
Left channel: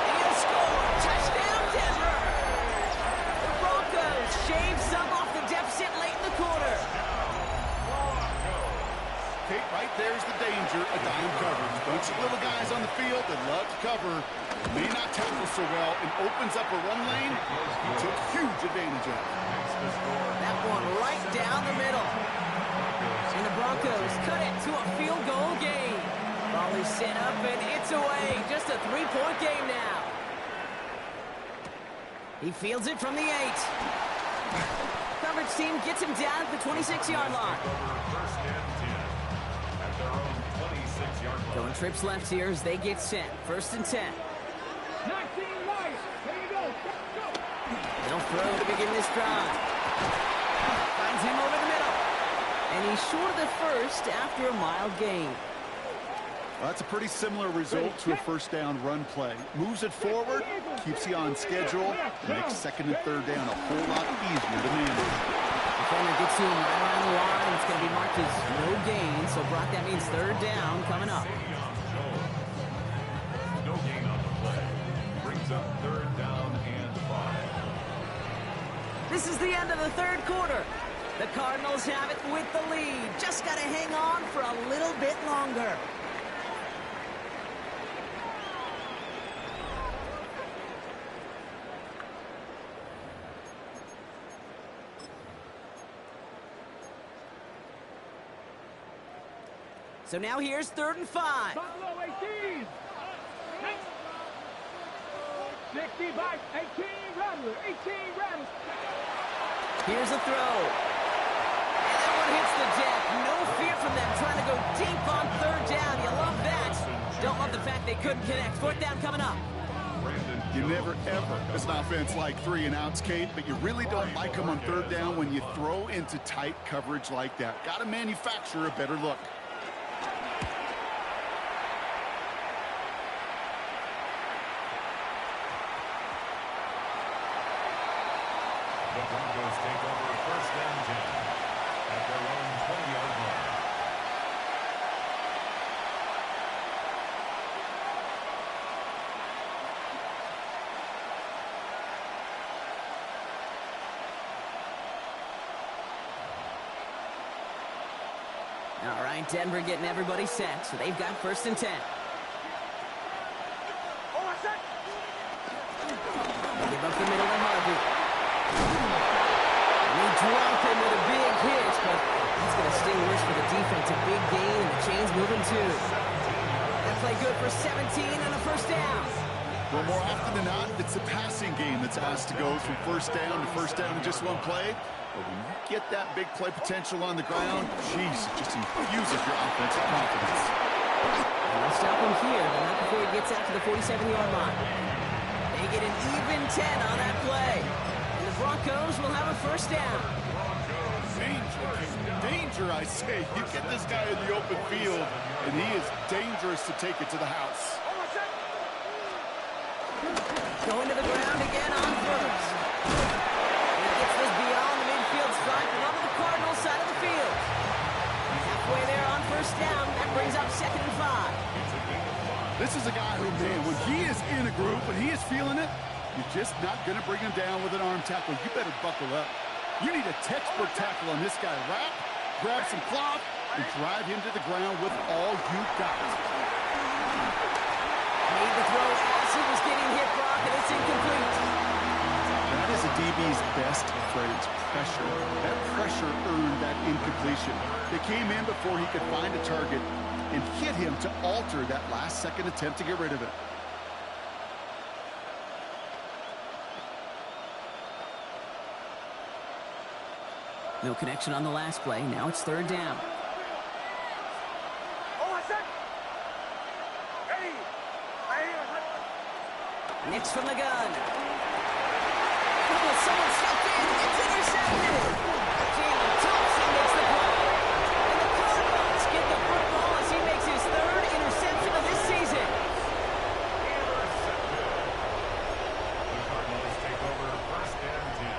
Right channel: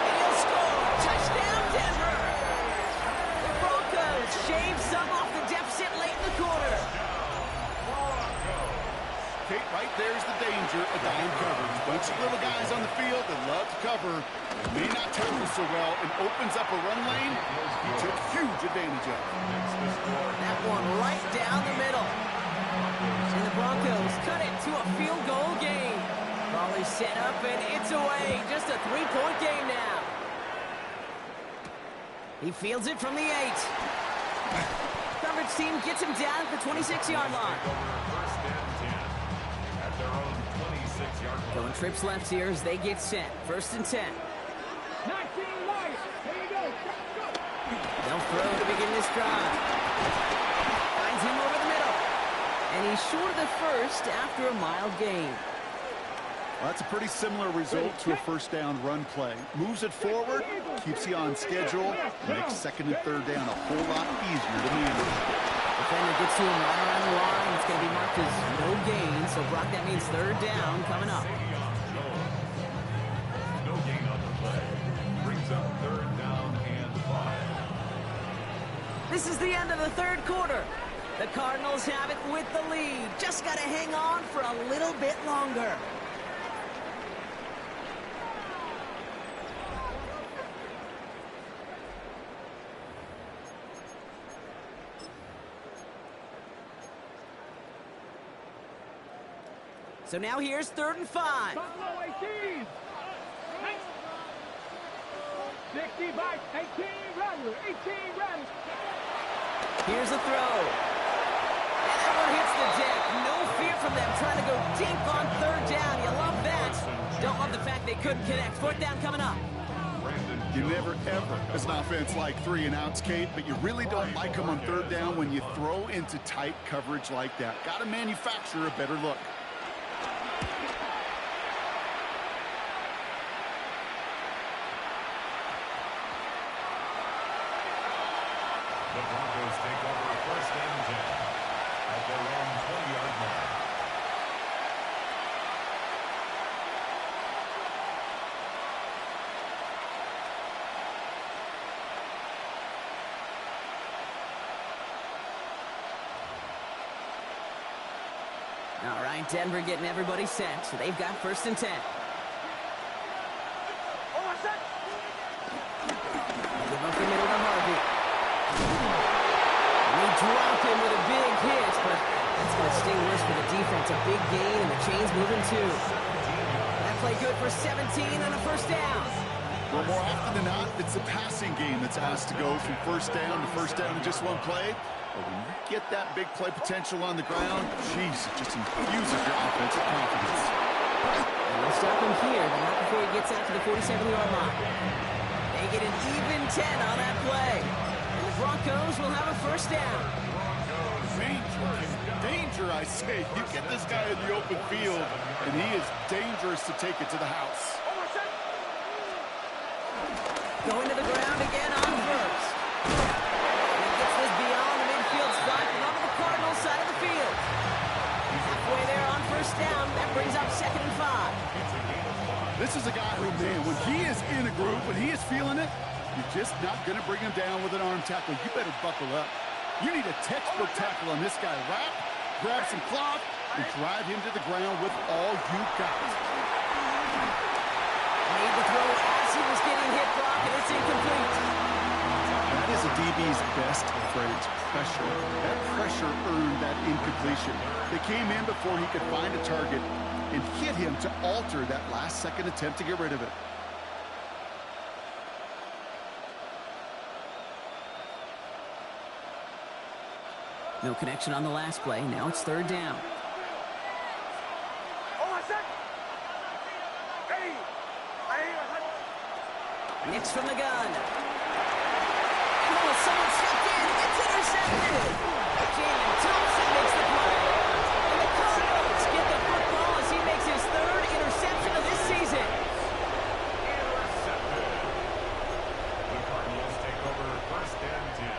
And he'll score. Touchdown, Denver. The Broncos shave some off the deficit late in the quarter. Kate, right there's the danger of dime coverage. Bunch of little guys on the field that love to cover. May not tackle so well and opens up a run lane. He took huge advantage of it. That one right down the middle. And the Broncos cut it to a field goal game. Ball is set up and it's away. Just a 3-point game now. He fields it from the 8. Coverage team gets him down at the 26-yard line. Going trips left here as they get set. 1st and 10. 19 right. There you go. Go. They'll throw to begin this drive. Finds him over the middle. And he's short of the first after a mild gain. Well, that's a pretty similar result to a 1st down run play. Moves it forward, keeps you on schedule, makes 2nd and 3rd down a whole lot easier to manage. Defender gets to him right around the line. It's going to be marked as no gain. So, Brock, that means 3rd down coming up. No gain on the play. Brings up 3rd down and 5. This is the end of the 3rd quarter. The Cardinals have it with the lead. Just got to hang on for a little bit longer. So now here's 3rd and 5. Buffalo 18. 60 by 18 Rattler. 18 Rattler. Here's a throw. And that one hits the deck. No fear from them trying to go deep on 3rd down. You love that. Don't love the fact they couldn't connect. 4th down coming up. You never, ever, as an offense, like 3 and outs, Kate, but you really don't like them on 3rd down when you throw into tight coverage like that. Got to manufacture a better look. The Broncos take over 1st and 10 at their own 20-yard line. All right, Denver getting everybody set. So they've got 1st and 10. Give up the middle to Harvey. And they drop him with a big hit, but that's going to sting worse for the defense. A big gain, and the chain's moving too. That play good for 17 and a first down. Well, more often than not, it's the passing game that's asked to go from first down in just one play. But when you get that big play potential on the ground, geez, it just infuses your offensive confidence. And they'll stop him here, but not before he gets out to the 47-yard line. They get an even 10 on that play. And the Broncos will have a first down. Danger, I say. You get this guy in the open field, and he is dangerous to take it to the house. Going to the ground again on first. And he gets this beyond the midfield stripe and onto the Cardinals side of the field. Halfway there on first down. That brings up 2nd and 5. This is a guy who, man, when he is in a groove, when he is feeling it, you're just not going to bring him down with an arm tackle. You better buckle up. You need a textbook tackle on this guy. Wrap, grab some cloth, and drive him to the ground with all you got. Made the throw as he was getting hit, Brock, and it's incomplete. That is a DB's best friend, pressure. That pressure earned that incompletion. They came in before he could find a target and hit him to alter that last-second attempt to get rid of it. No connection on the last play. Now it's 3rd down. Nix from the gun. Oh, someone stepped in. It's intercepted. Jalen Thompson makes the play. And the Cardinals get the football as he makes his 3rd interception of this season. Intercepted. The Cardinals take over 1st and 10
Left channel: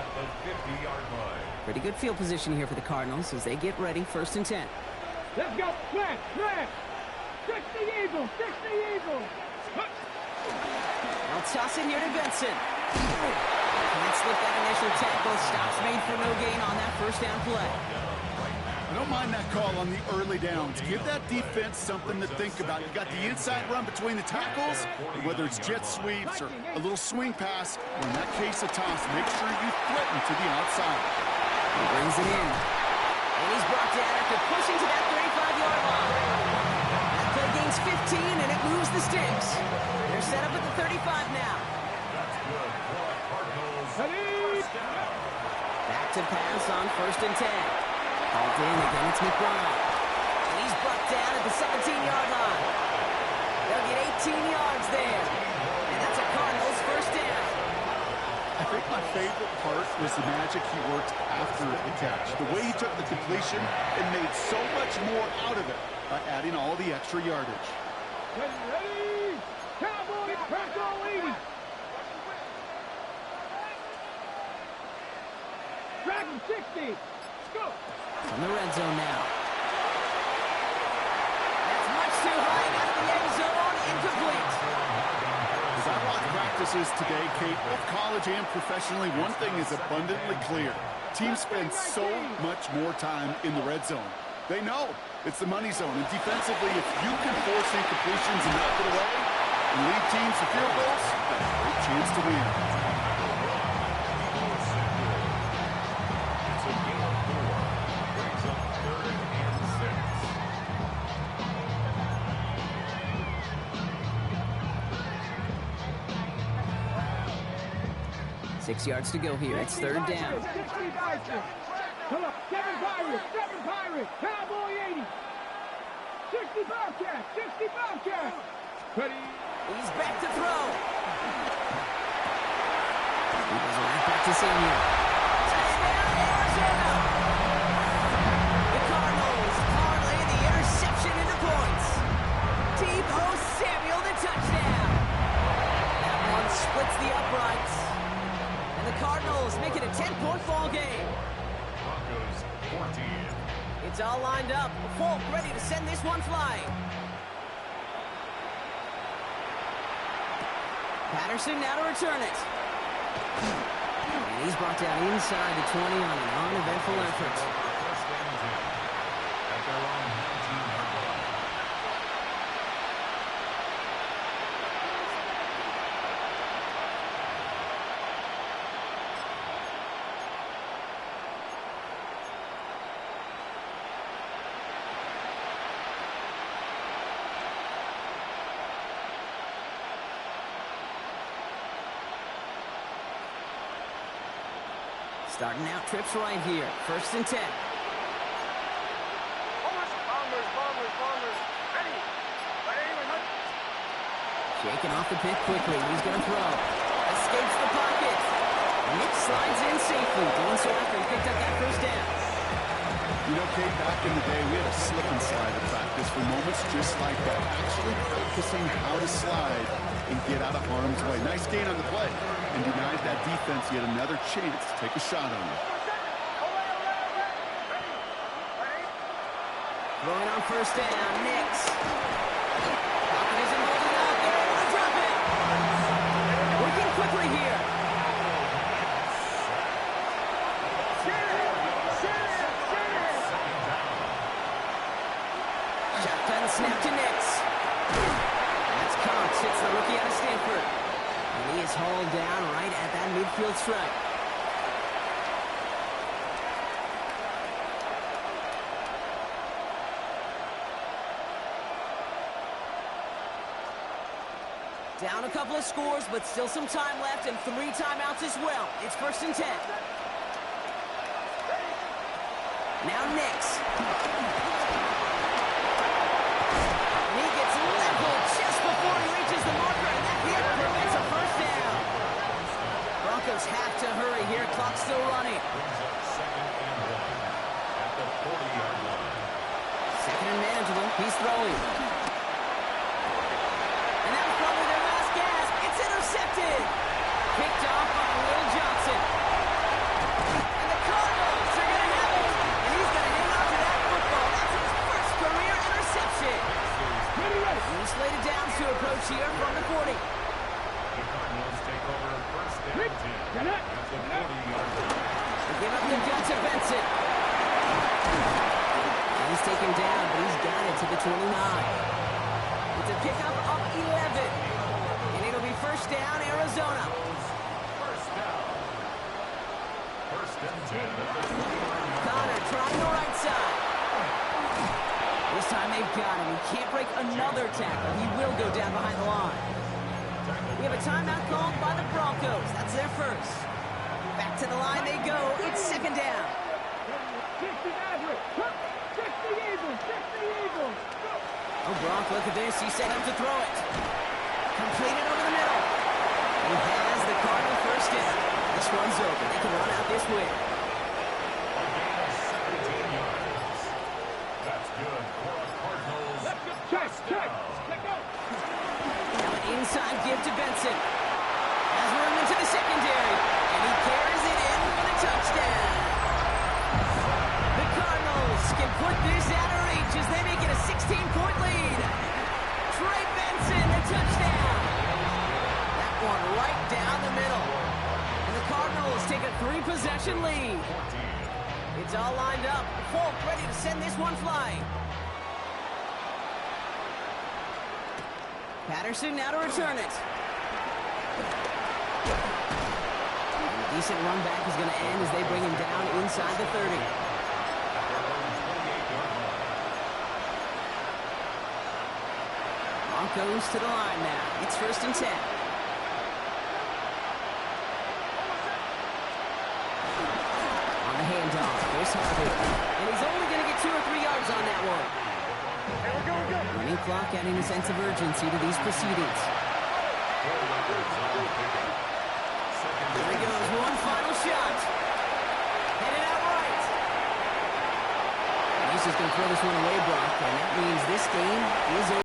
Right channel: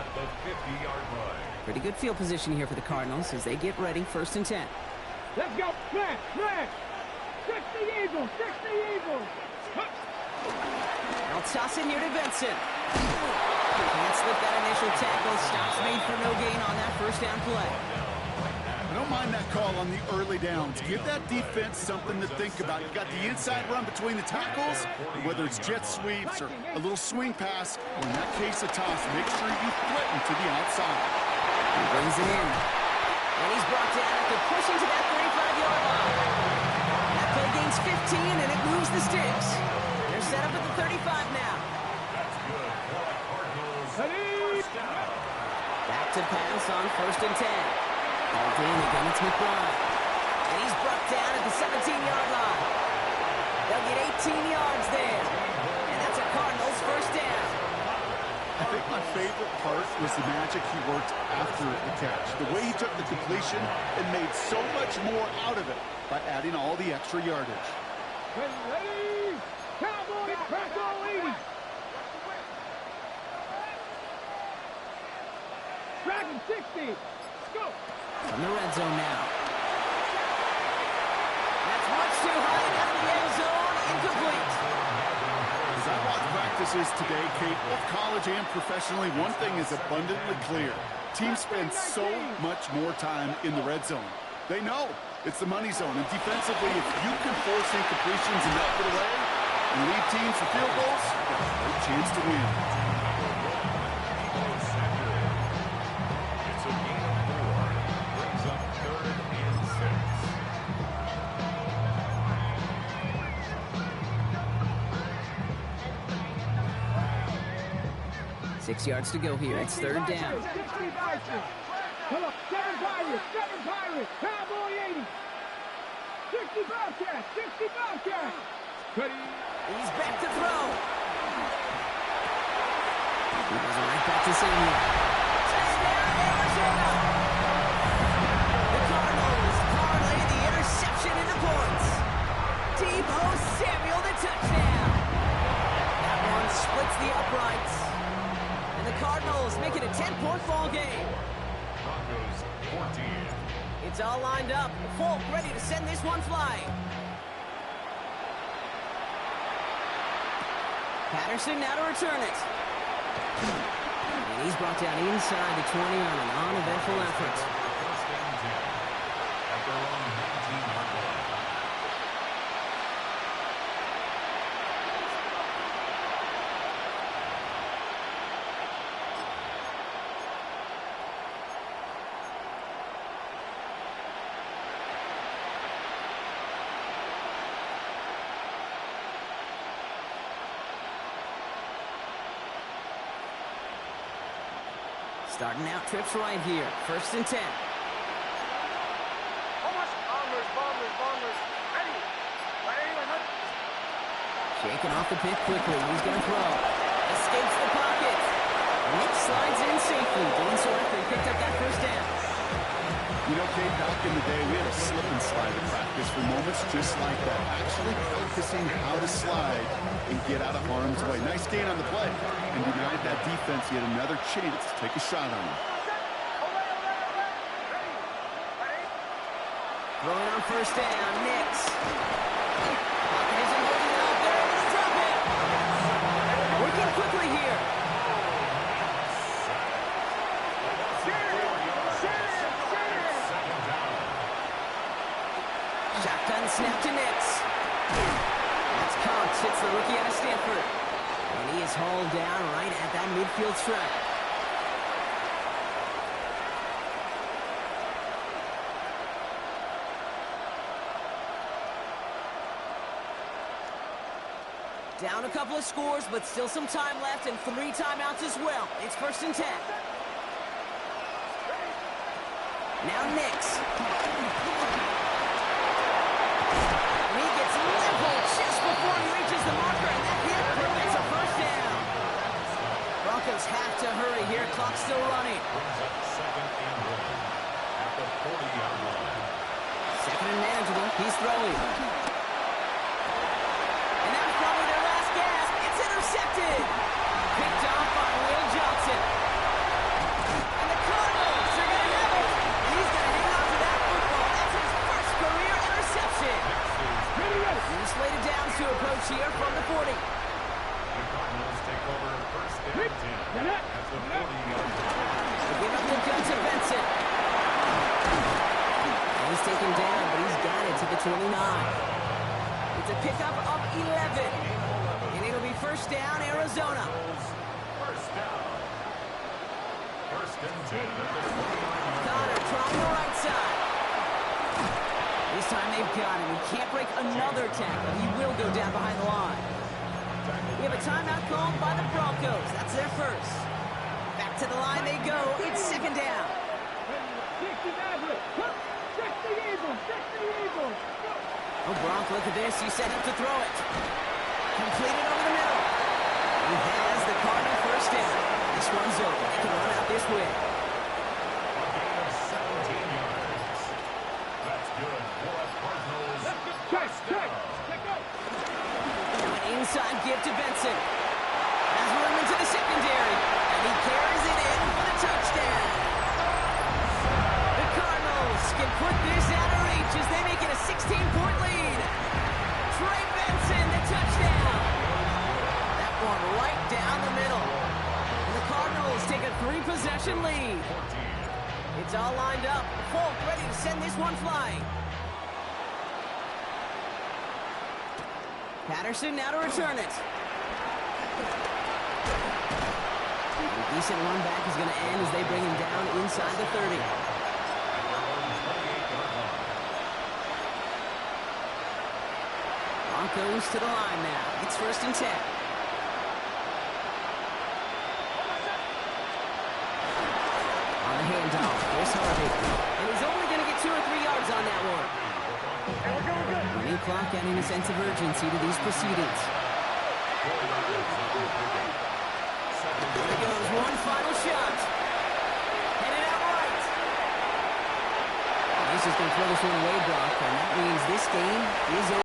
at the 50-yard line. Pretty good field position here for the Cardinals as they get ready. 1st and 10. Let's go. Flash, flash. 60 Eagles, 60 Eagles. They'll toss it here to Benson. Can't slip that initial tackle. Stops made for no gain on that first down play. I don't mind that call on the early downs. Give that defense something to think about. You got the inside run between the tackles, whether it's jet sweeps or a little swing pass, or in that case a toss, make sure you threaten to the outside. He brings it in. And he's brought down after pushing to that 35-yard line. That play gains 15, and it moves the sticks. They're set up at the 35 now. That's good for the Cardinals. Ready? First down. Back to pass on 1st and 10. Called in again, it's McBride. And he's brought down at the 17-yard line. They'll get 18 yards there. And that's a Cardinals first down. I think my favorite part was the magic he worked after the catch. The way he took the completion and made so much more out of it by adding all the extra yardage. Ready? Cowboys, press all 80. Dragon 60. Let's go. From the red zone now. That's much too high and out of the end zone. Incomplete. As I watch practices today, Kate, both college and professionally, one thing is abundantly clear. Teams spend so much more time in the red zone. They know it's the money zone. And defensively, if you can force incompletions and knock it away and lead teams for field goals, you've got a great chance to win. It's a gain of 4. Brings up 3rd and 6. 6 yards to go here. It's 3rd down. 60 Bison. Come on, 7 Pirates, Cowboy 80. 60 Bobcats, 60 Bobcats. Ready? He's back to throw. He goes right back to Samuel. Touchdown, Arizona. The Cardinals parlay the interception into points. Deebo Samuel, the touchdown. That one splits the uprights. And the Cardinals make it a 10-point ball game. Broncos 14. It's all lined up. Folk ready to send this one flying. Patterson now to return it. And he's brought down inside the 20 on an uneventful effort. First and 10 at their own 19-yard line. Starting out trips right here. 1st and 10. Bombers. Ready. Shaking off the pick quickly. He's going to throw. Escapes the pocket. Nick slides in safely. Doing so after he picked up that 1st down. You know, Kate, back in the day, we had a slip and slide at practice for moments just like that. Actually practicing how to slide and get out of harm's way. Nice gain on the play. And denied that defense yet another chance to take a shot on him. Throwing on 1st down. Nix. Pocket isn't holding up. They're able to drop it. Working quickly here. Shotgun snap to Nix. That's Cox. Hits the rookie out of Stanford. And he is hauled down right at that midfield stripe. Down a couple of scores, but still some time left and 3 timeouts as well. It's 1st and 10. Now Nix. And he gets leveled just before he reaches the marker, and that hit prevents a 1st down. Broncos have to hurry here. Clock still running. Brings up 2nd and 1 at the 40-yard line. 2nd and manageable. He's throwing. And that was probably their last gasp. It's intercepted. Picked off by Will Johnson. And the Cardinals are going to have it. And he's going to hang on to that football. That's his 1st career interception. He's slated down to approach here from the 40. The Cardinals take over 1st and 10 at the 40-yard line. They give up the gun to Benson. And he's taken down, but he's got it to the 29. It's a pickup of 11. And it'll be 1st down, Arizona. 1st down. 1st and 10 at the 20-yard line. Connor trying the right side. This time they've got him. He can't break another tackle. He will go down behind the line. We have a timeout called by the Broncos. That's their 1st. Back to the line they go. It's 2nd down. 60 Maverick. 60 Eagles. 60 Eagles. Go. Oh, Gronk, look at this. He's set up to throw it. Completed over the middle. He has the Cardinal 1st down. This one's over. They can run out this win. A gain of 17 yards. That's good for a Cardinals. Check. Down. Check out. Now an inside give to Benson. Has room into the secondary. And he carries it in for the touchdown. The Cardinals can put this out of reach as they make it a 16-point lead. Trey Benson, the touchdown. That one right down the middle. And the Cardinals take a 3-possession lead. 14. It's all lined up. Folk ready to send this one flying. Patterson now to return it. And a decent run back is going to end as they bring him down inside the 30. At their own 28-yard line. Broncos to the line now. It's 1st and 10. On the handoff, here's Harvey. And he's only going to get 2 or 3 yards on that one. Running clock adding a sense of urgency to these proceedings. 4 yards on the pickup. Here he goes, one final shot. Headed out right. And he's just going to throw this one away, Brock, and that means this game is over.